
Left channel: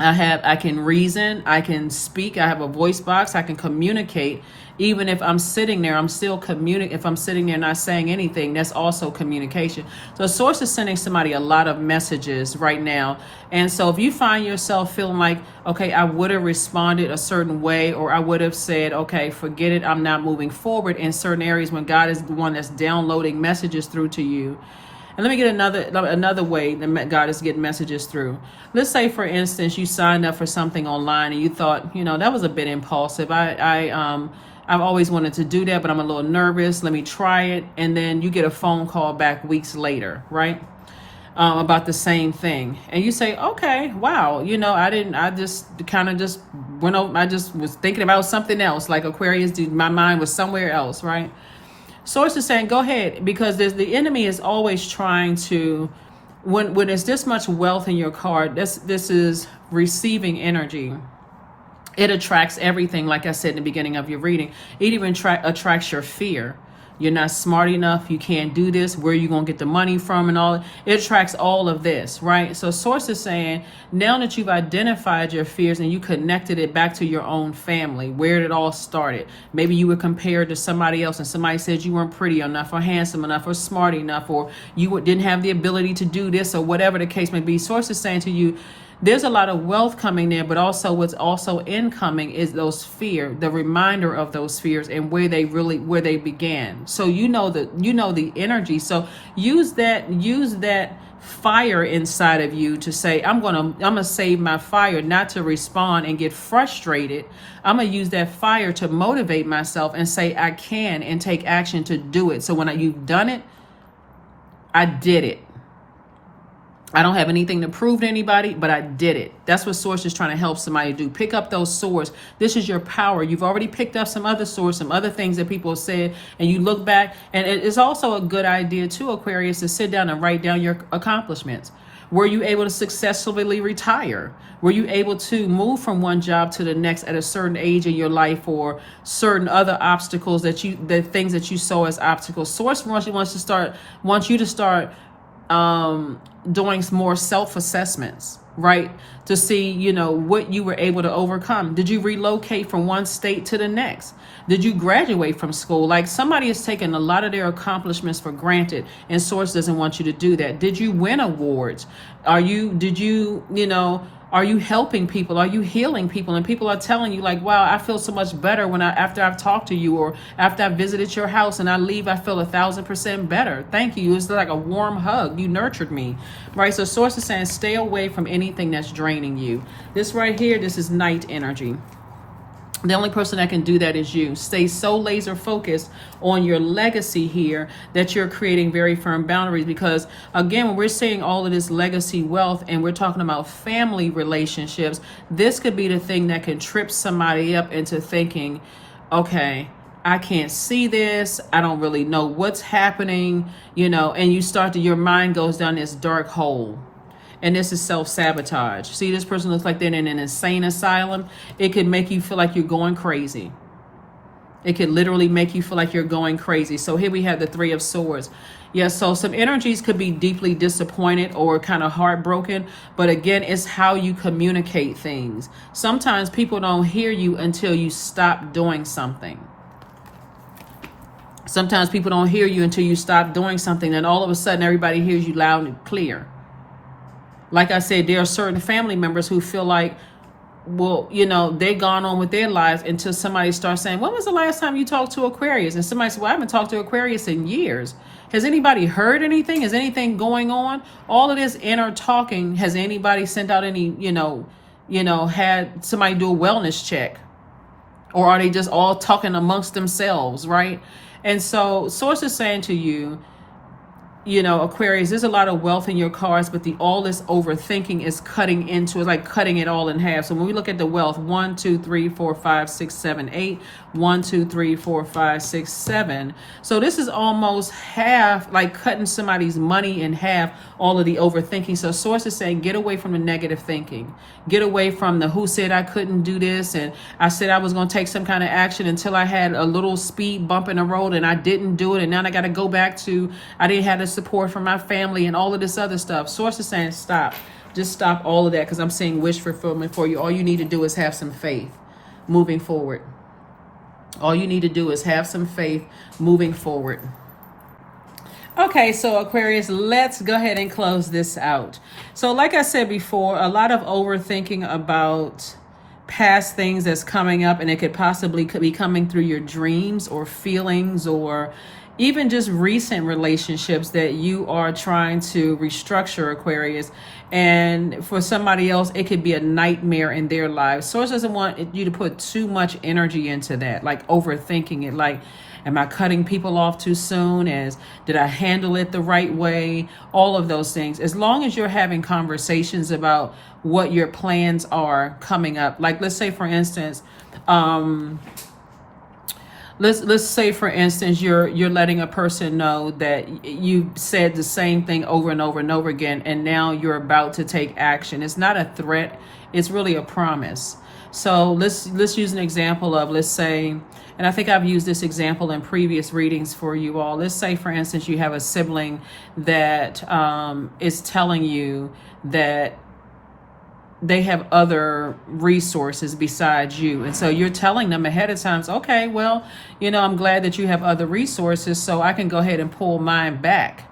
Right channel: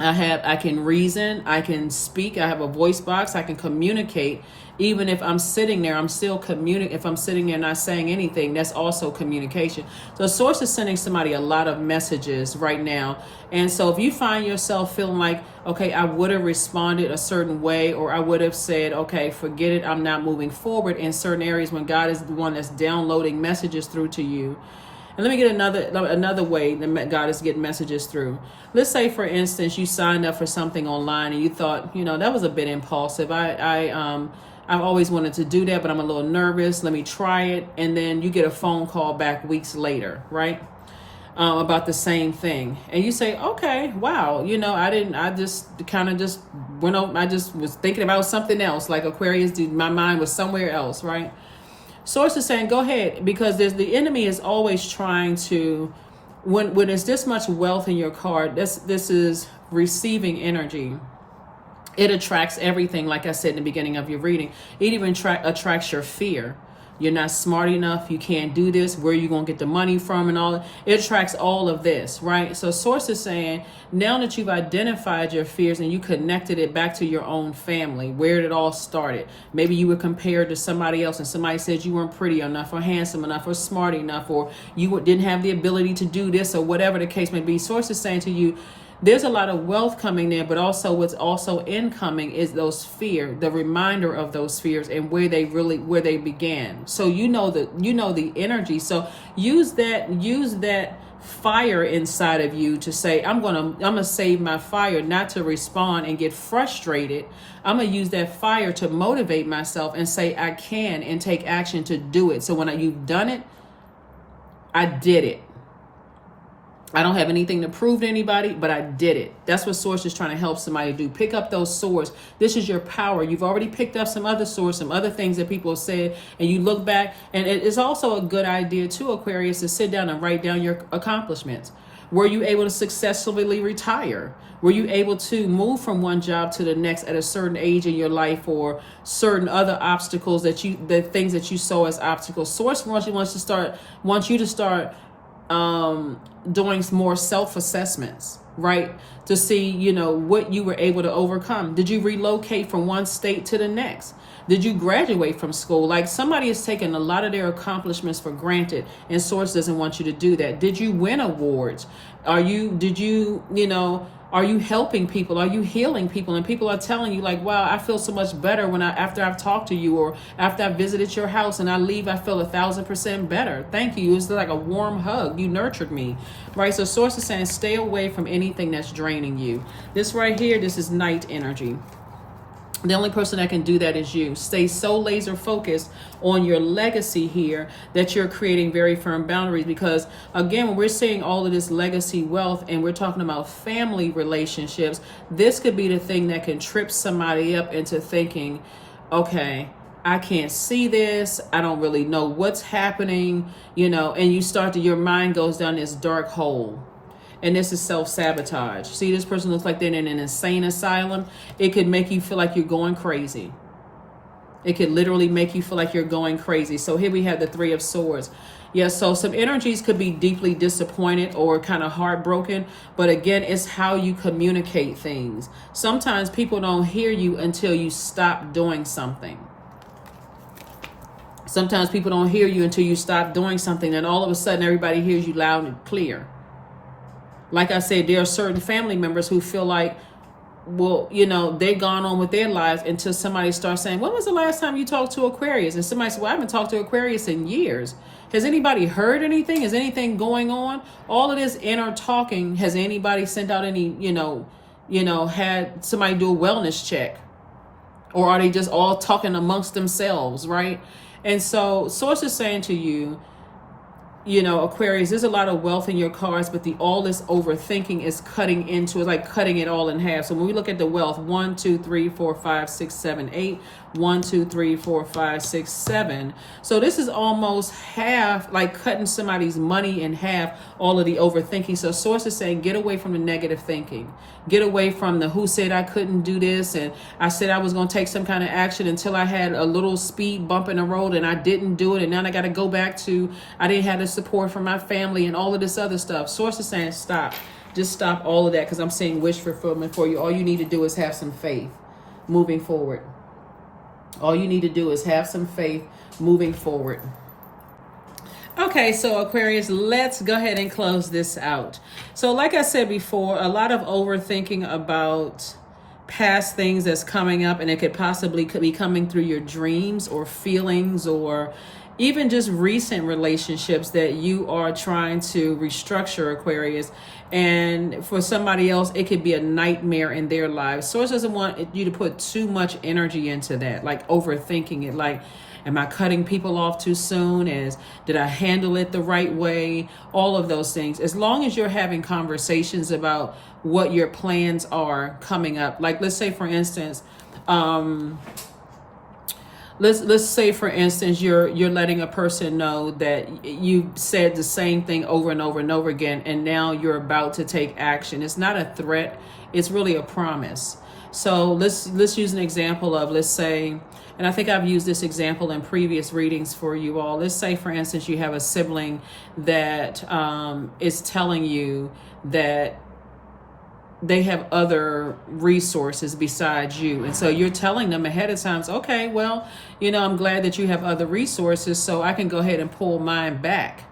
I can reason, I can speak, I have a voice box, I can communicate. Even if I'm sitting there, I'm still communicating. If I'm sitting there not saying anything, that's also communication. So Source is sending somebody a lot of messages right now. And so if you find yourself feeling like, okay, I would have responded a certain way, or I would have said, okay, forget it, I'm not moving forward in certain areas when God is the one that's downloading messages through to you. And let me get another way that God is getting messages through. Let's say, for instance, you signed up for something online and you thought, that was a bit impulsive. I've always wanted to do that, but I'm a little nervous. Let me try it. And then you get a phone call back weeks later, right? About the same thing. And you say, okay, wow, I just was thinking about something else, like Aquarius, my mind was somewhere else, right? Source is saying, go ahead, because the enemy is always trying to, when there's this much wealth in your card, this is receiving energy. It attracts everything, like I said in the beginning of your reading. It even attracts your fear. You're not smart enough. You can't do this. Where are you going to get the money from and all? It attracts all of this, right? So Source is saying, now that you've identified your fears and you connected it back to your own family, where it all started. Maybe you were compared to somebody else and somebody said you weren't pretty enough or handsome enough or smart enough, or you didn't have the ability to do this, or whatever the case may be. Source is saying to you, there's a lot of wealth coming there, but also what's also incoming is those fear, the reminder of those fears and where they began. So the energy. So use that fire inside of you to say, I'm gonna save my fire, not to respond and get frustrated. I'm gonna use that fire to motivate myself and say I can, and take action to do it. So when you've done it, I did it. I don't have anything to prove to anybody, but I did it. That's what Source is trying to help somebody do. Pick up those swords. This is your power. You've already picked up some other swords, some other things that people have said, and you look back. And it is also a good idea too, Aquarius, to sit down and write down your accomplishments. Were you able to successfully retire? Were you able to move from one job to the next at a certain age in your life, or certain other obstacles the things that you saw as obstacles? Source wants you to start doing more self-assessments, right? To see, what you were able to overcome. Did you relocate from one state to the next? Did you graduate from school? Like, somebody has taken a lot of their accomplishments for granted, and Source doesn't want you to do that. Did you win awards? Are you helping people? Are you healing people? And people are telling you, like, wow, I feel so much better after I've talked to you, or after I've visited your house and I leave, I feel 1,000% better. Thank you. It's like a warm hug. You nurtured me, right? So Source is saying, stay away from anything that's draining you. This right here, this is night energy. The only person that can do that is you. Stay so laser focused on your legacy here that you're creating very firm boundaries. Because again, when we're seeing all of this legacy wealth and we're talking about family relationships, this could be the thing that can trip somebody up into thinking, okay, I can't see this. I don't really know what's happening, and your mind goes down this dark hole. And this is self-sabotage. See, this person looks like they're in an insane asylum. It could make you feel like you're going crazy. It could literally make you feel like you're going crazy. So here we have the Three of Swords. Yeah, so some energies could be deeply disappointed or kind of heartbroken. But again, it's how you communicate things. Sometimes people don't hear you until you stop doing something. Sometimes people don't hear you until you stop doing something. And all of a sudden, everybody hears you loud and clear. Like I said, there are certain family members who feel like, well, you know, they've gone on with their lives until somebody starts saying, when was the last time you talked to Aquarius? And somebody says, well, I haven't talked to Aquarius in years. Has anybody heard anything? Is anything going on? All of this inner talking, has anybody sent out any, had somebody do a wellness check? Or are they just all talking amongst themselves, right? And so Source is saying to you, Aquarius, there's a lot of wealth in your cards, but all this overthinking is cutting into, it's like cutting it all in half. So when we look at the wealth, 1, 2, 3, 4, 5, 6, 7, 8, 1, 2, 3, 4, 5, 6, 7. So this is almost half, like cutting somebody's money in half, all of the overthinking. So Source is saying, get away from the negative thinking. Get away from the who said I couldn't do this, and I said I was going to take some kind of action until I had a little speed bump in the road and I didn't do it, and now I got to go back to I didn't have the support from my family and all of this other stuff. Source is saying stop. Just stop all of that, because I'm seeing wish fulfillment for you. All you need to do is have some faith moving forward. All you need to do is have some faith moving forward. Okay, so Aquarius, let's go ahead and close this out. So like I said before, a lot of overthinking about past things that's coming up, and it could possibly be coming through your dreams or feelings, or even just recent relationships that you are trying to restructure, Aquarius. And for somebody else, it could be a nightmare in their lives. Source doesn't want you to put too much energy into that, like overthinking it, like, am I cutting people off too soon? Did I handle it the right way? All of those things. As long as you're having conversations about what your plans are coming up. Like, let's say, for instance, let's say, for instance, you're letting a person know that you said the same thing over and over and over again, and now you're about to take action. It's not a threat. It's really a promise. So let's use an example of, let's say, and I think I've used this example in previous readings for you all. Let's say, for instance, you have a sibling that is telling you that they have other resources besides you. And so you're telling them ahead of time, okay, well, I'm glad that you have other resources, so I can go ahead and pull mine back.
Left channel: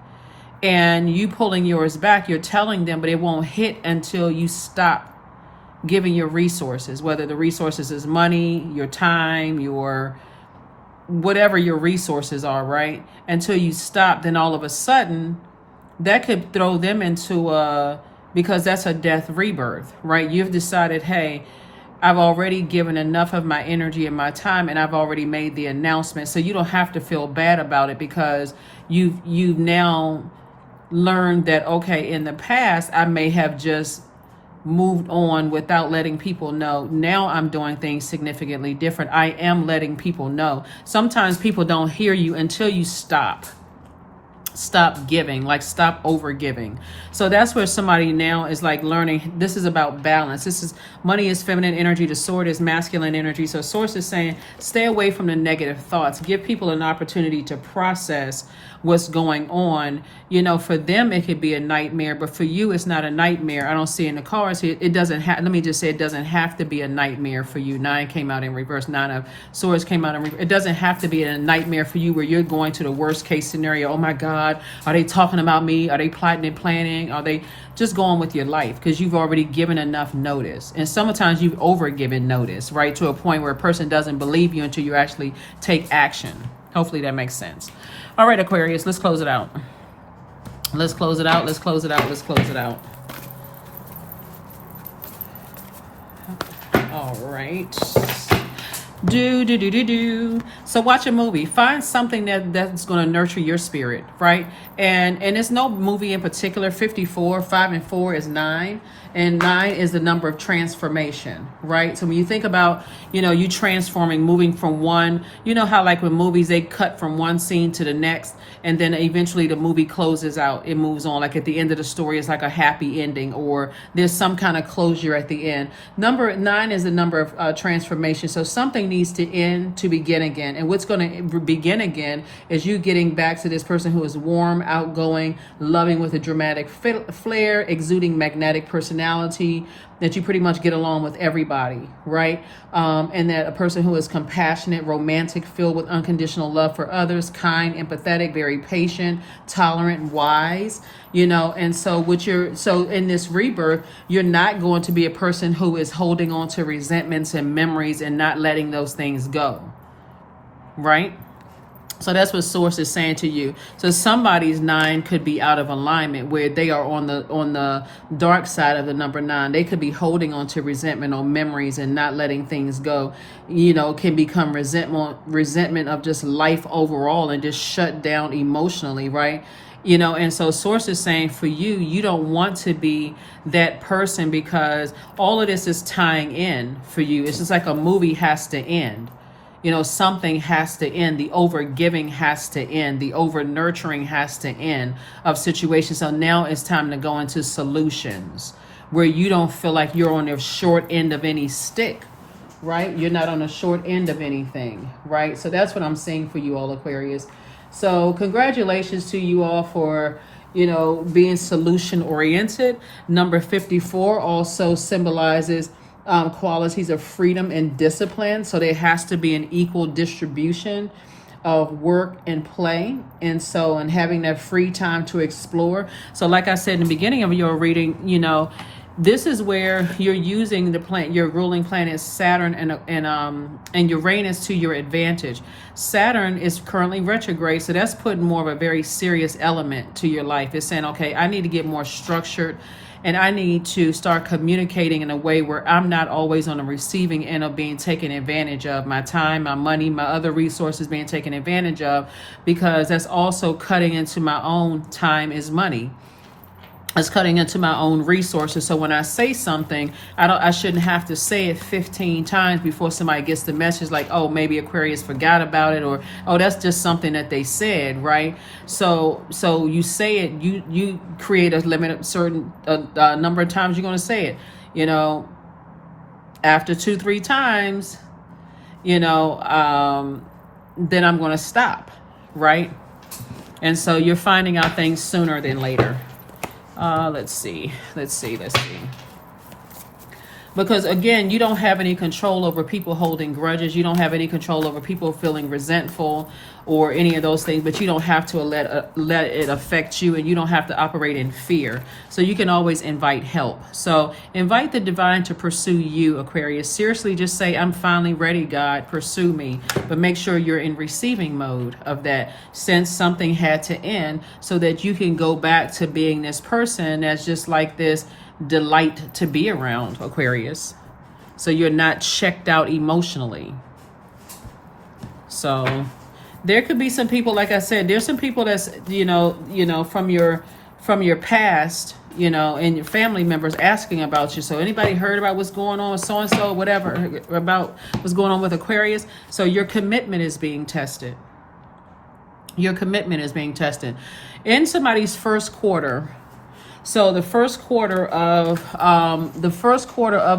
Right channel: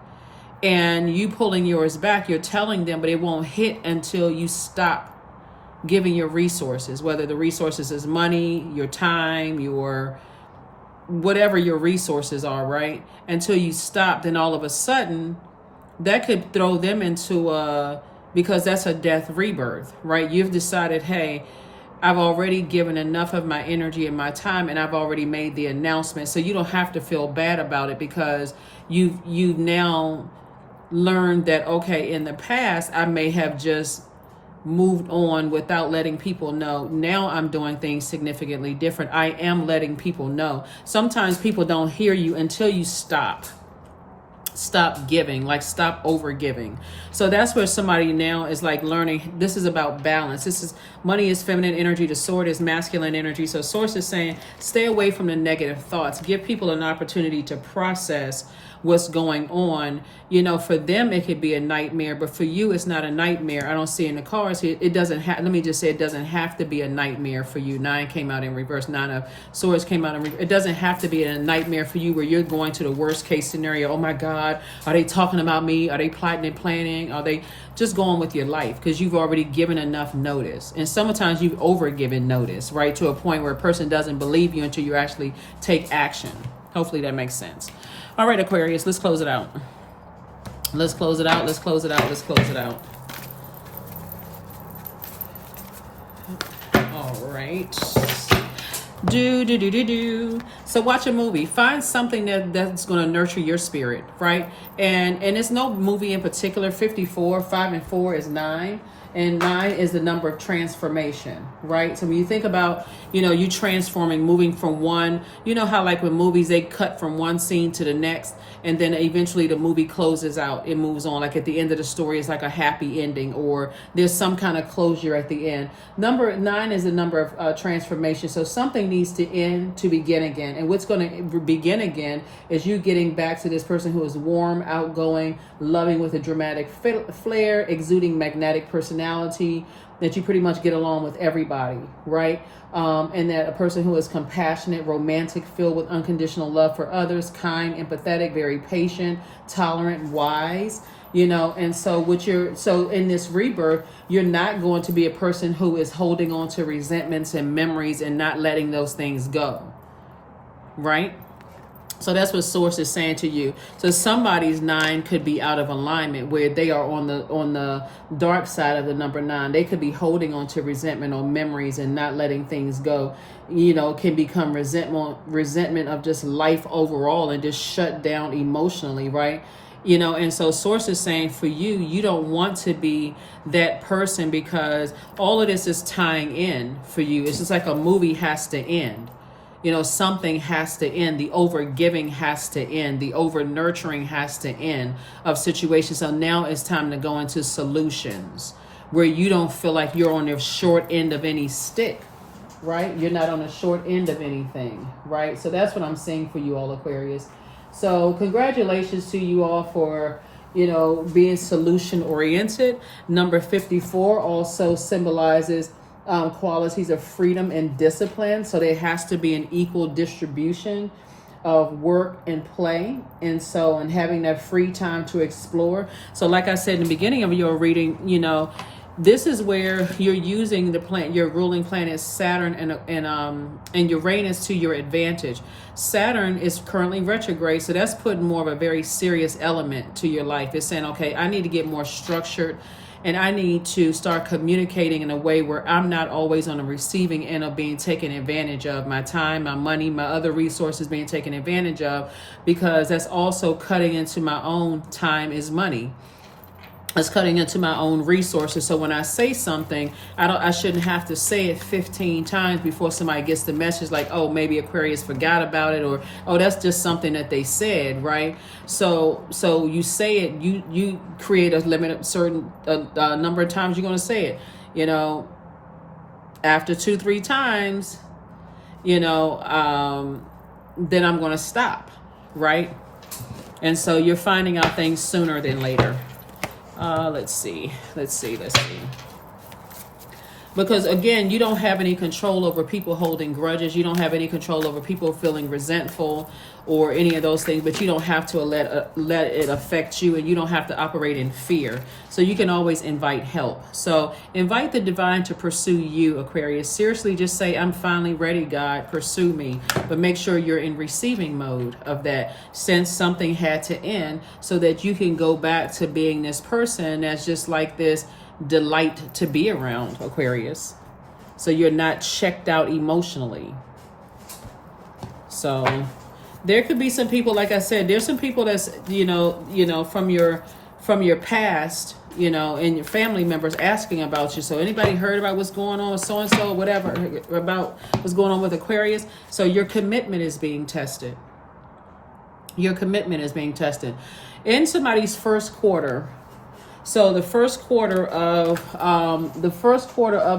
And you pulling yours back, you're telling them, but it won't hit until you stop giving your resources, whether the resources is money, your time, your whatever your resources are, right? Until you stop, then all of a sudden that could throw them into because that's a death rebirth, right? You've decided, hey, I've already given enough of my energy and my time, and I've already made the announcement. So you don't have to feel bad about it, because you've now learned that, okay, in the past I may have just moved on without letting people know. Now I'm doing things significantly different. I am letting people know. Sometimes people don't hear you until you stop giving, like stop over giving. So that's where somebody now is like learning. This is about balance. Money is feminine energy. The sword is masculine energy. So Source is saying, stay away from the negative thoughts. Give people an opportunity to process what's going on. For them, it could be a nightmare, but for you, it's not a nightmare. I don't see in the cards here. It doesn't have, let me just say, it doesn't have to be a nightmare for you. 9 came out in reverse. 9 of Swords came out in reverse. It doesn't have to be a nightmare for you where you're going to the worst case scenario. Oh my God, are they talking about me? Are they plotting and planning? Are they just going with your life? Because you've already given enough notice. And sometimes you've overgiven notice, right? To a point where a person doesn't believe you until you actually take action. Hopefully that makes sense. All right, Aquarius, let's close it out. Let's close it out. Let's close it out. Let's close it out. All right. So watch a movie. Find something that's going to nurture your spirit, right? And it's no movie in particular. 54, 5 and 4 is 9. And 9 is the number of transformation, right? So when you think about, you transforming, moving from one, you know how like with movies, they cut from one scene to the next, and then eventually the movie closes out, it moves on. Like at the end of the story, it's like a happy ending, or there's some kind of closure at the end. Number 9 is the number of transformation. So something needs to end to begin again. And what's going to begin again is you getting back to this person who is warm, outgoing, loving with a dramatic flair, exuding magnetic personality, that you pretty much get along with everybody, right? And that a person who is compassionate, romantic, filled with unconditional love for others, kind, empathetic, very patient, tolerant, wise, and so so in this rebirth, you're not going to be a person who is holding on to resentments and memories and not letting those things go, right? So that's what Source is saying to you. So somebody's 9 could be out of alignment, where they are on the dark side of the number 9. They could be holding on to resentment or memories and not letting things go. Can become resentment of just life overall and just shut down emotionally, right? And so Source is saying for you, you don't want to be that person, because all of this is tying in for you. It's just like a movie has to end. Something has to end. The over giving has to end. The over nurturing has to end of situations. So now it's time to go into solutions where you don't feel like you're on the short end of any stick, right? You're not on the short end of anything, right? So that's what I'm seeing for you all, Aquarius. So congratulations to you all for, being solution oriented. Number 54 also symbolizes qualities of freedom and discipline. So there has to be an equal distribution of work and play, and having that free time to explore. So like I said in the beginning of your reading, this is where you're using your ruling planet Saturn and Uranus to your advantage. Saturn is currently retrograde, so that's putting more of a very serious element to your life. It's saying, okay, I need to get more structured, and I need to start communicating in a way where I'm not always on the receiving end of being taken advantage of. My time, my money, my other resources being taken advantage of, because that's also cutting into my own time is money. It's cutting into my own resources. So when I say something, I shouldn't have to say it 15 times before somebody gets the message, like, oh, maybe Aquarius forgot about it, or oh, that's just something that they said, right? So you say it, you create a limit, certain number of times you're going to say it. After 2-3 times, then I'm going to stop, right? And so you're finding out things sooner than later. Let's see. Because again, you don't have any control over people holding grudges. You don't have any control over people feeling resentful or any of those things, but you don't have to let it affect you, and you don't have to operate in fear. So you can always invite help. So invite the divine to pursue you, Aquarius. Seriously, just say, I'm finally ready, God, pursue me. But make sure you're in receiving mode of that, since something had to end, so that you can go back to being this person that's just like this delight to be around, Aquarius. So you're not checked out emotionally. So there could be some people, like I said, there's some people that's, from your past, and your family members asking about you. So anybody heard about what's going on with so-and-so, whatever, about what's going on with Aquarius? So your commitment is being tested. Your commitment is being tested. In somebody's first quarter, so the first quarter of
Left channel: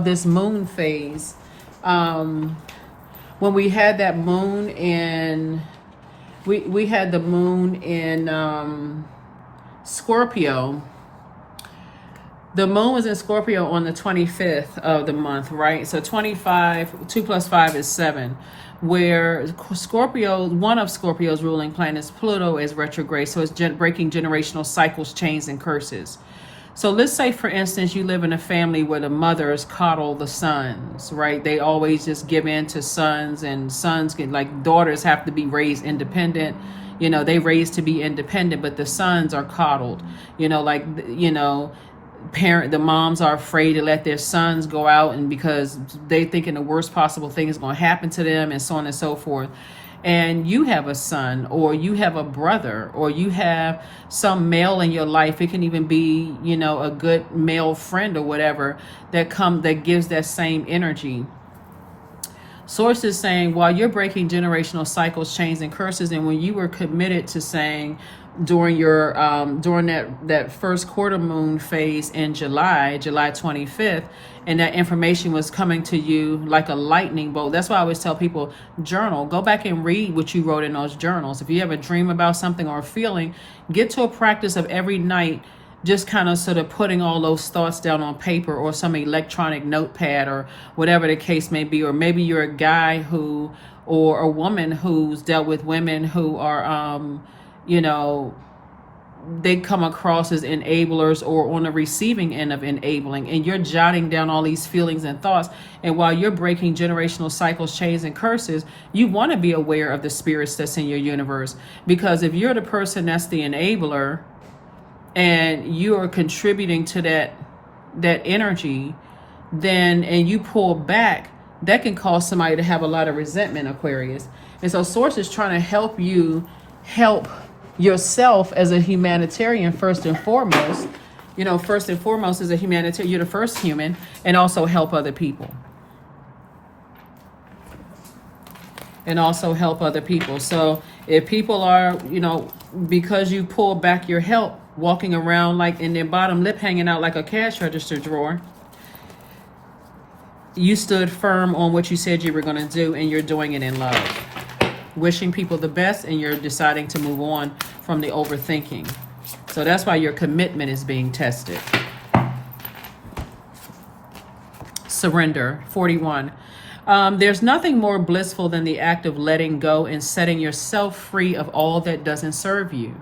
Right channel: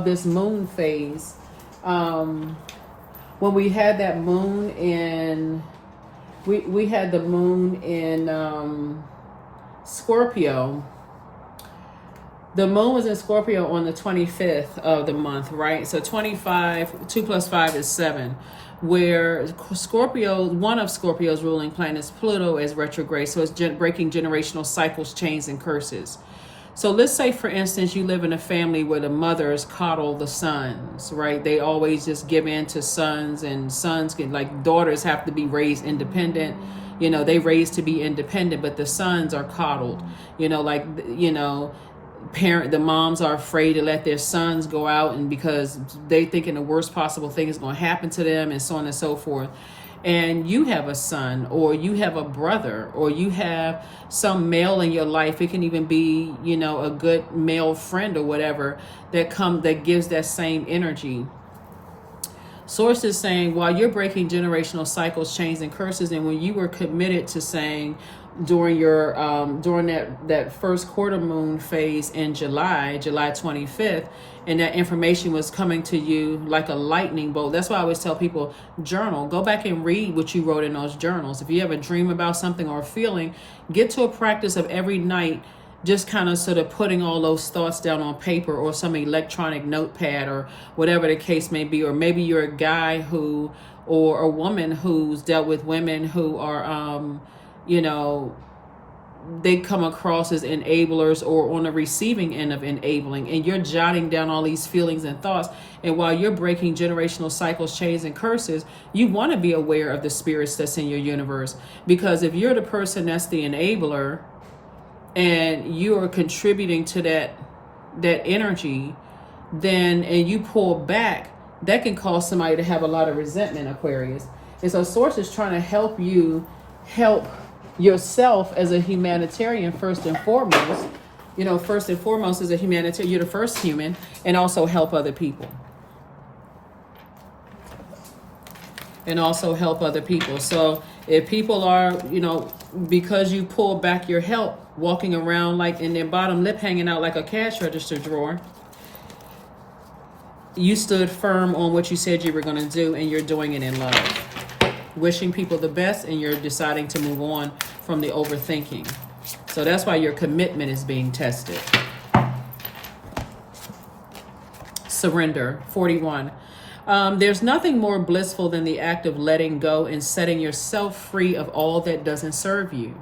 this moon phase, when we had that moon in, we had the moon in Scorpio. The moon was in Scorpio on the 25th of the month, right? So 25, 2 plus 5 is 7. Where Scorpio, one of Scorpio's ruling planets, Pluto, is retrograde. So it's breaking generational cycles, chains, and curses. So let's say, for instance, you live in a family where the mothers coddle the sons, right? They always just give in to sons, and sons can, like, daughters have to be raised independent. They raised to be independent, but the sons are coddled. The moms are afraid to let their sons go out, and because they thinking the worst possible thing is going to happen to them, and so on and so forth. and you have a son, or you have a brother, or you have some male in your life. It can even be, you know, a good male friend or whatever that gives that same energy. Source is saying, while you're breaking generational cycles, chains, and curses, and when you were committed to saying during your during that first quarter moon phase in July 25th, and that information was coming to you like a lightning bolt. That's why I always tell people, journal. Go back and read what you wrote in those journals. If you have a dream about something or a feeling, get to a practice of every night just kind of sort of putting all those thoughts down on paper or some electronic notepad or whatever the case may be. Or maybe you're a guy who, or a woman who's dealt with women who are, you know, they come across as enablers or on the receiving end of enabling, and you're jotting down all these feelings and thoughts. And while you're breaking generational cycles, chains, and curses, you want to be aware of the spirits that's in your universe. Because if you're the person that's the enabler, and you are contributing to that energy, then, and you pull back, that can cause somebody to have a lot of resentment, Aquarius. And so Source is trying to help you help yourself as a humanitarian first and foremost. You know, first and foremost as a humanitarian, you're the first human, and also help other people. And also help other people. So if people are, you know, because you pull back your help, walking around like in their bottom lip hanging out like a cash register drawer, you stood firm on what you said you were going to do, and you're doing it in love. Wishing people the best, and you're deciding to move on from the overthinking. So that's why your commitment is being tested. Surrender, 41. There's nothing more blissful than the act of letting go and setting yourself free of all that doesn't serve you.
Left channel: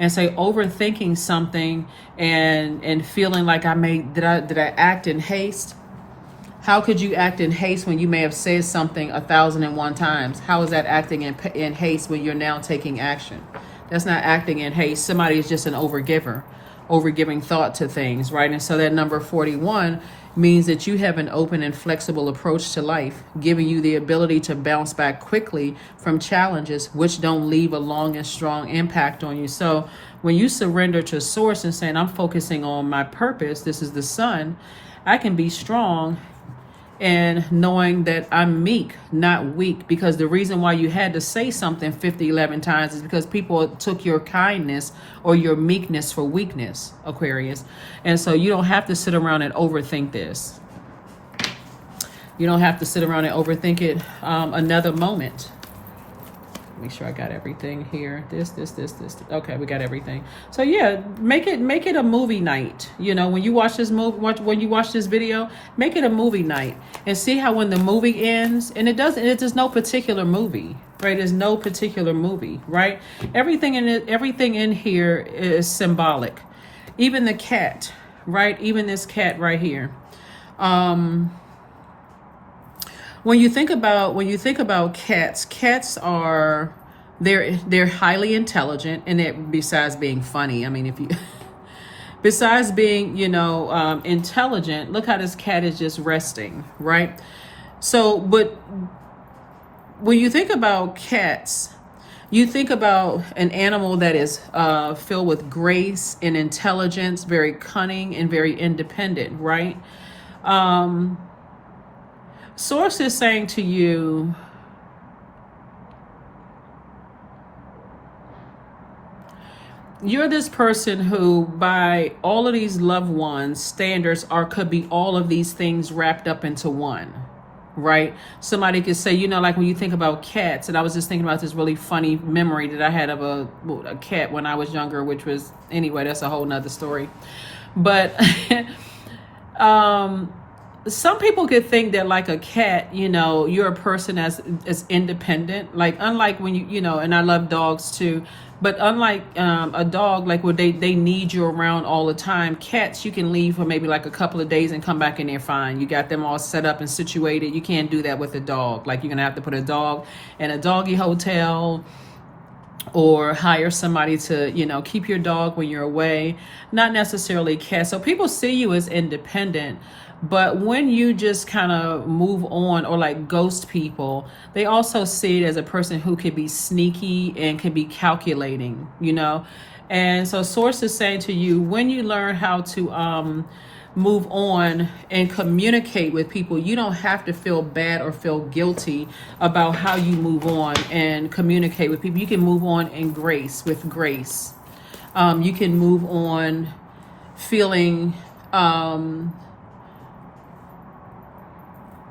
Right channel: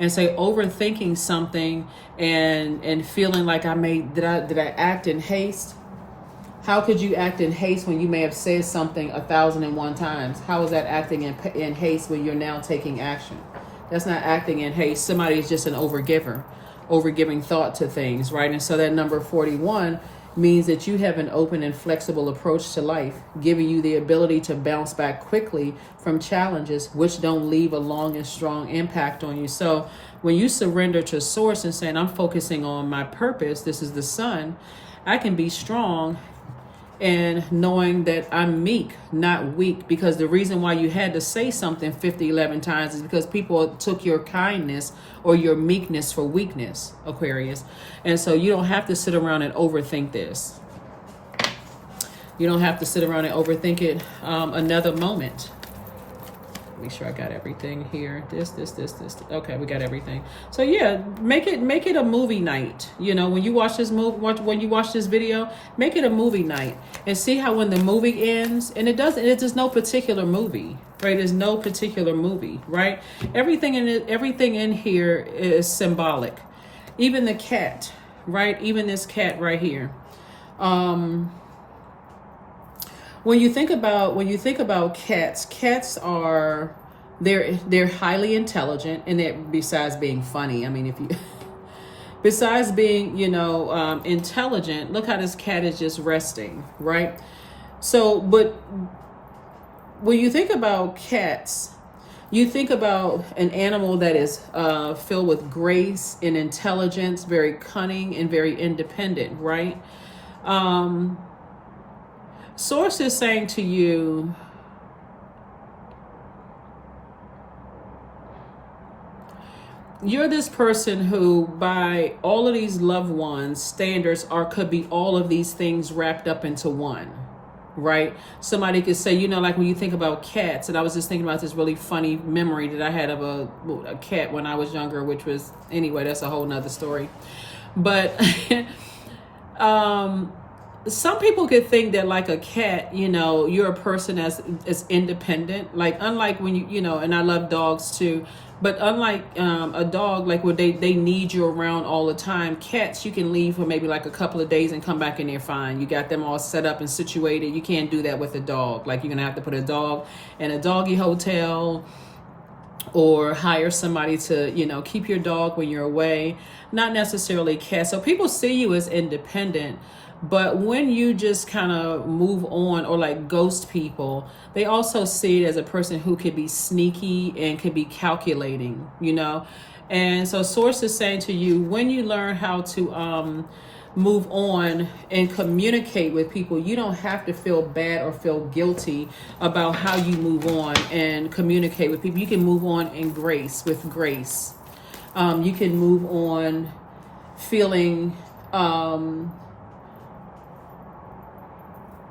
And say overthinking something and feeling like did I act in haste? How could you act in haste when you may have said something 1,001 times? How is that acting in haste when you're now taking action? That's not acting in haste. Somebody is just an overgiver, overgiving thought to things, right? And so that number 41 means that you have an open and flexible approach to life, giving you the ability to bounce back quickly from challenges which don't leave a long and strong impact on you. So when you surrender to Source and saying, I'm focusing on my purpose, this is the sun, I can be strong and knowing that I'm meek, not weak, because the reason why you had to say something 11 times is because people took your kindness or your meekness for weakness, Aquarius. And so you don't have to sit around and overthink this. You don't have to sit around and overthink it another moment. Make sure I got everything here. This. Okay, we got everything. So yeah, make it a movie night. You know, when you watch this when you watch this video, make it a movie night and see how when the movie ends, and it's just no particular movie, right? There's no particular movie, right? Everything in here is symbolic. Even the cat, right? Even this cat right here. When you think about cats are they're highly intelligent, and besides being funny, I mean, besides being intelligent, look how this cat is just resting, right? So, but when you think about cats, you think about an animal that is filled with grace and intelligence, very cunning and very independent, right? Source is saying to you, you're this person who, by all of these loved ones' standards, could be all of these things wrapped up into one, right? Somebody could say, like when you think about cats, and I was just thinking about this really funny memory that I had of a cat when I was younger, which was, anyway, that's a whole nother story. But some people could think that like a cat, you're a person as independent, like unlike when and I love dogs too, but unlike a dog, like where they need you around all the time, cats you can leave for maybe like a couple of days and come back and they're fine. You got them all set up and situated. You can't do that with a dog. Like you're gonna have to put a dog in a doggy hotel or hire somebody to keep your dog when you're away. Not necessarily cats. So people see you as independent, But when you just kind of move on or like ghost people, they also see it as a person who could be sneaky and could be calculating, you know. And so source is saying to you, when you learn how to move on and communicate with people, you don't have to feel bad or feel guilty about how you move on and communicate with people. You can move on in grace, with grace. You can move on feeling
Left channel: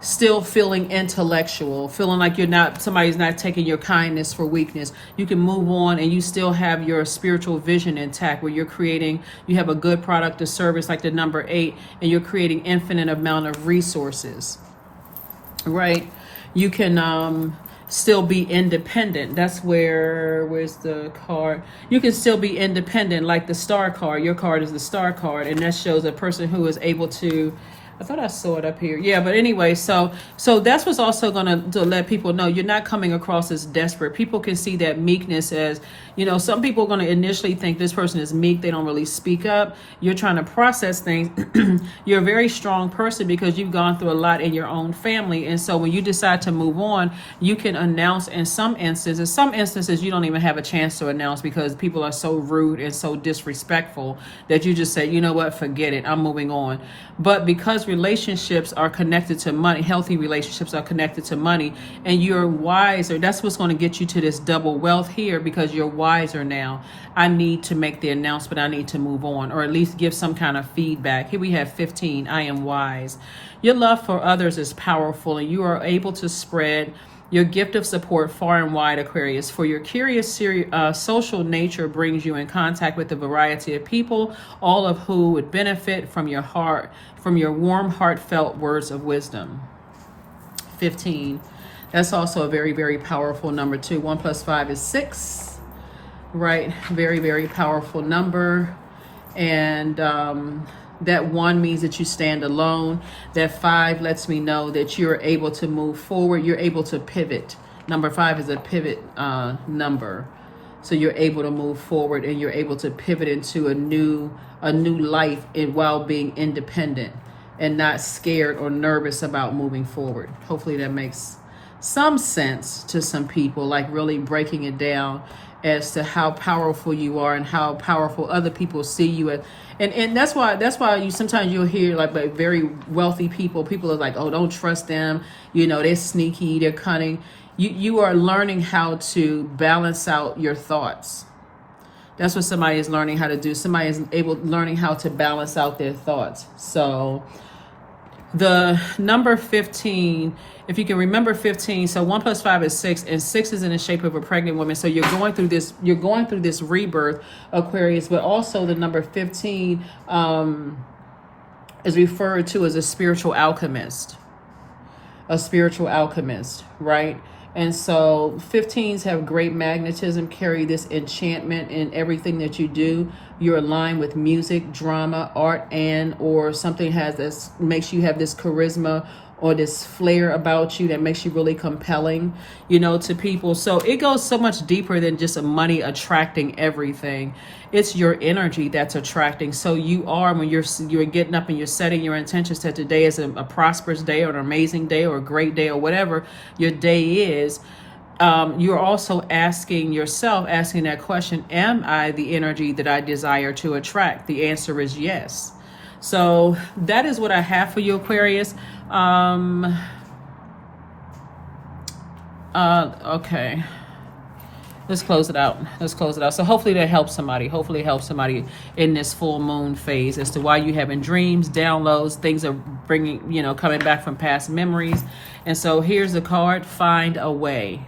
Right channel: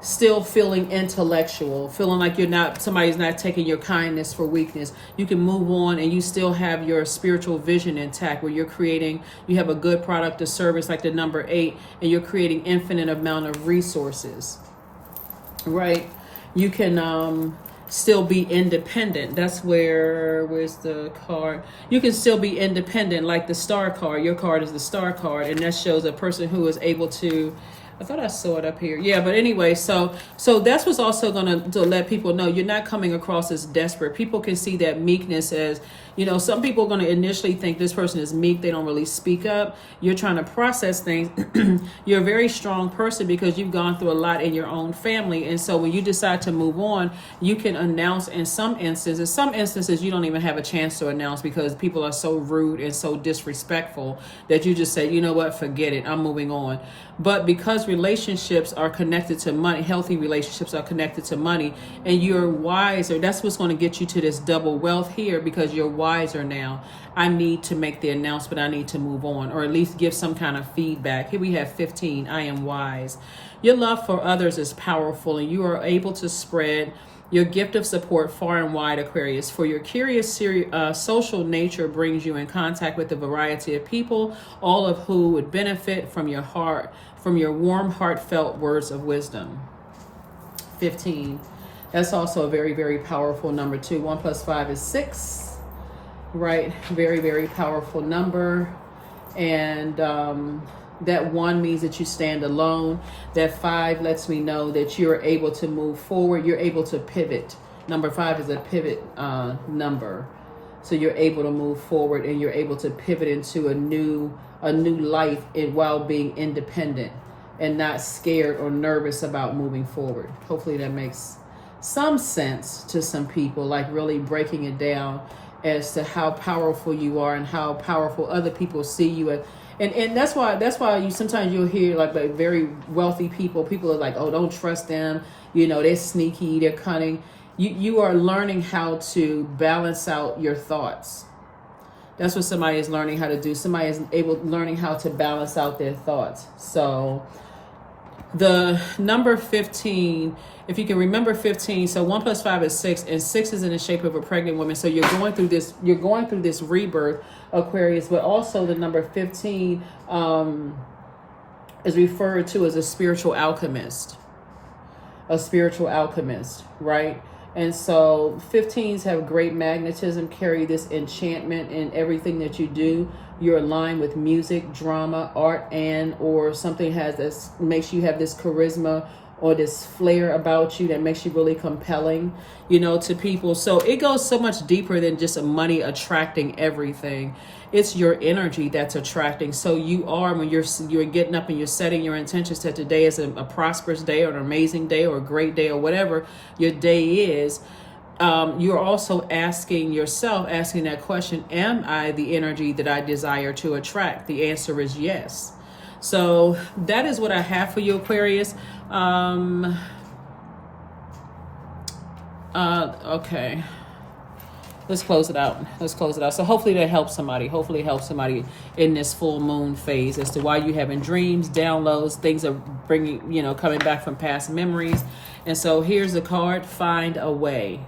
still feeling intellectual, feeling like somebody's not taking your kindness for weakness. You can move on and you still have your spiritual vision intact, where you have a good product or service like the number 8, and you're creating infinite amount of resources, right? You can still be independent. That's where's the card? You can still be independent, like the star card. Your card is the star card, and that shows a person who is able to, I thought I saw it up here. Yeah, but anyway, so that's what's also going to let people know you're not coming across as desperate. People can see that meekness as, you know, some people are going to initially think this person is meek. They don't really speak up. You're trying to process things. You're a very strong person because you've gone through a lot in your own family. And so when you decide to move on, you can announce in some instances you don't even have a chance to announce because people are so rude and so disrespectful that you just say, you know what, forget it, I'm moving on. But because relationships are connected to money, healthy relationships are connected to money, and you're wiser, that's what's going to get you to this double wealth here, because you're wiser now. I need to make the announcement, I need to move on, or at least give some kind of feedback. Here we have 15, I am wise. Your love for others is powerful, and you are able to spread your gift of support far and wide, Aquarius. For your curious, social nature brings you in contact with a variety of people, all of who would benefit from your warm, heartfelt words of wisdom. 15. That's also a very, very powerful number too. 1 + 5 is 6. Right? Very, very powerful number. And that 1 means that you stand alone. That 5 lets me know that you're able to move forward. You're able to pivot. Number 5 is a pivot number. So you're able to move forward and you're able to pivot into a new life while being independent and not scared or nervous about moving forward. Hopefully that makes some sense to some people, like really breaking it down as to how powerful you are and how powerful other people see you as. And that's why you sometimes you'll hear like very wealthy people are like, oh, don't trust them, you know, they're sneaky, they're cunning. You are learning how to balance out your thoughts. That's what somebody is learning how to do. Somebody is learning how to balance out their thoughts. So the number 15, if you can remember 15, so 1 + 5 is 6, and 6 is in the shape of a pregnant woman. So you're going through this rebirth, Aquarius, but also the number 15 is referred to as a spiritual alchemist. A spiritual alchemist, right? And so 15s have great magnetism, carry this enchantment in everything that you do. You're aligned with music, drama, art, or something makes you have this charisma or this flair about you that makes you really compelling, you know, to people. So it goes so much deeper than just money attracting everything. It's your energy that's attracting. So you are, when you're getting up and you're setting your intentions that today is a prosperous day or an amazing day or a great day or whatever your day is, you're also asking that question, am I the energy that I desire to attract? The answer is yes. So that is what I have for you, Aquarius. Okay. Let's close it out. So hopefully that helps somebody. Hopefully it helps somebody in this full moon phase as to why you having dreams, downloads, things are coming back from past memories. And so here's the card, Find a Way,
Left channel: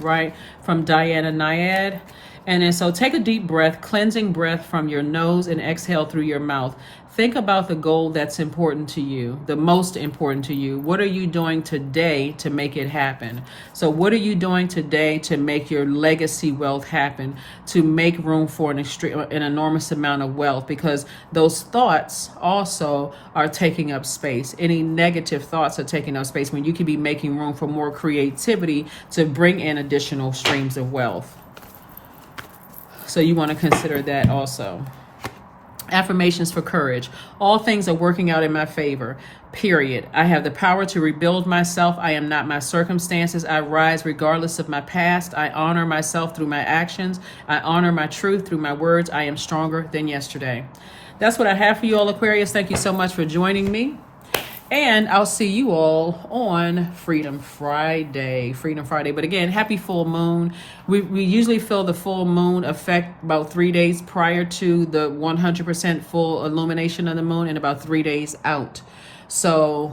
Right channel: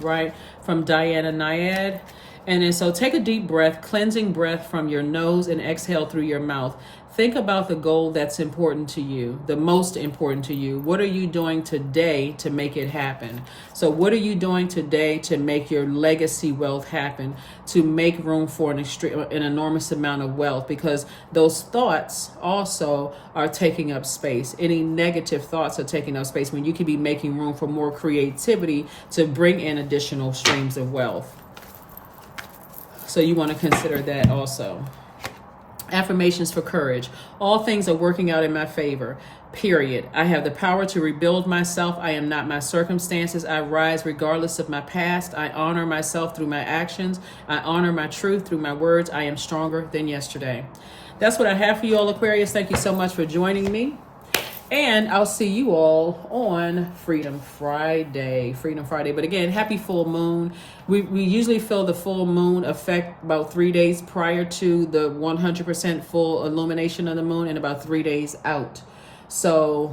right? From Diana Nyad. And then so take a deep breath, cleansing breath from your nose, and exhale through your mouth. Think about the goal that's important to you, the most important to you. What are you doing today to make it happen? So what are you doing today to make your legacy wealth happen, to make room for an enormous amount of wealth? Because those thoughts also are taking up space. Any negative thoughts are taking up space when you can be making room for more creativity to bring in additional streams of wealth. So you want to consider that also. Affirmations for courage. All things are working out in my favor. period. I have the power to rebuild myself. I am not my circumstances. I rise regardless of my past. I honor myself through my actions. I honor my truth through my words. I am stronger than yesterday. That's what I have for you all, Aquarius. Thank you so much for joining me. And I'll see you all on Freedom Friday. But again, happy full moon. We usually feel the full moon effect about 3 days prior to the 100% full illumination of the moon and about 3 days out. So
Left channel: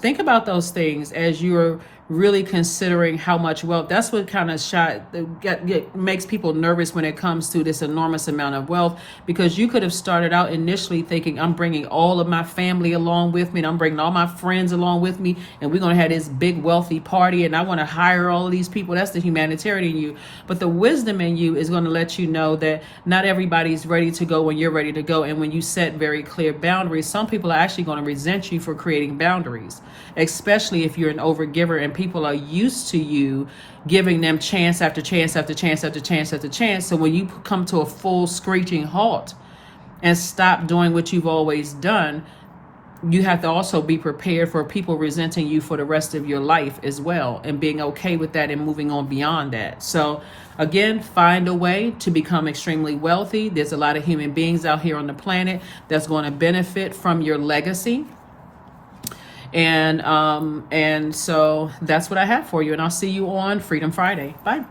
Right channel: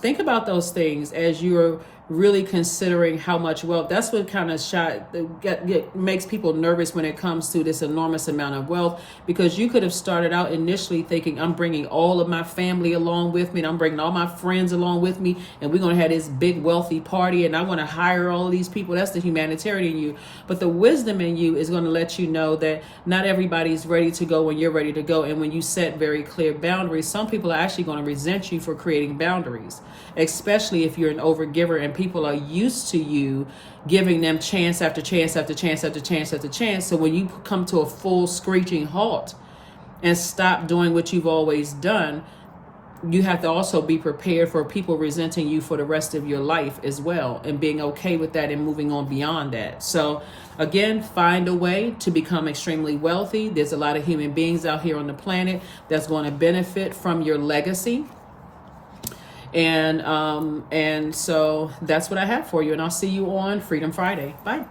think about those things as you're really considering how much wealth. That's what kind of makes people nervous when it comes to this enormous amount of wealth, because you could have started out initially thinking, I'm bringing all of my family along with me, and I'm bringing all my friends along with me, and we're going to have this big wealthy party, and I want to hire all of these people. That's the humanitarian in you. But the wisdom in you is going to let you know that not everybody's ready to go when you're ready to go. And when you set very clear boundaries, some people are actually going to resent you for creating boundaries, especially if you're an overgiver and people are used to you giving them chance after chance after chance after chance after chance. So when you come to a full screeching halt and stop doing what you've always done, you have to also be prepared for people resenting you for the rest of your life as well, and being okay with that and moving on beyond that. So again, find a way to become extremely wealthy. There's a lot of human beings out here on the planet that's going to benefit from your legacy. And so that's what I have for you. And I'll see you on Freedom Friday. Bye.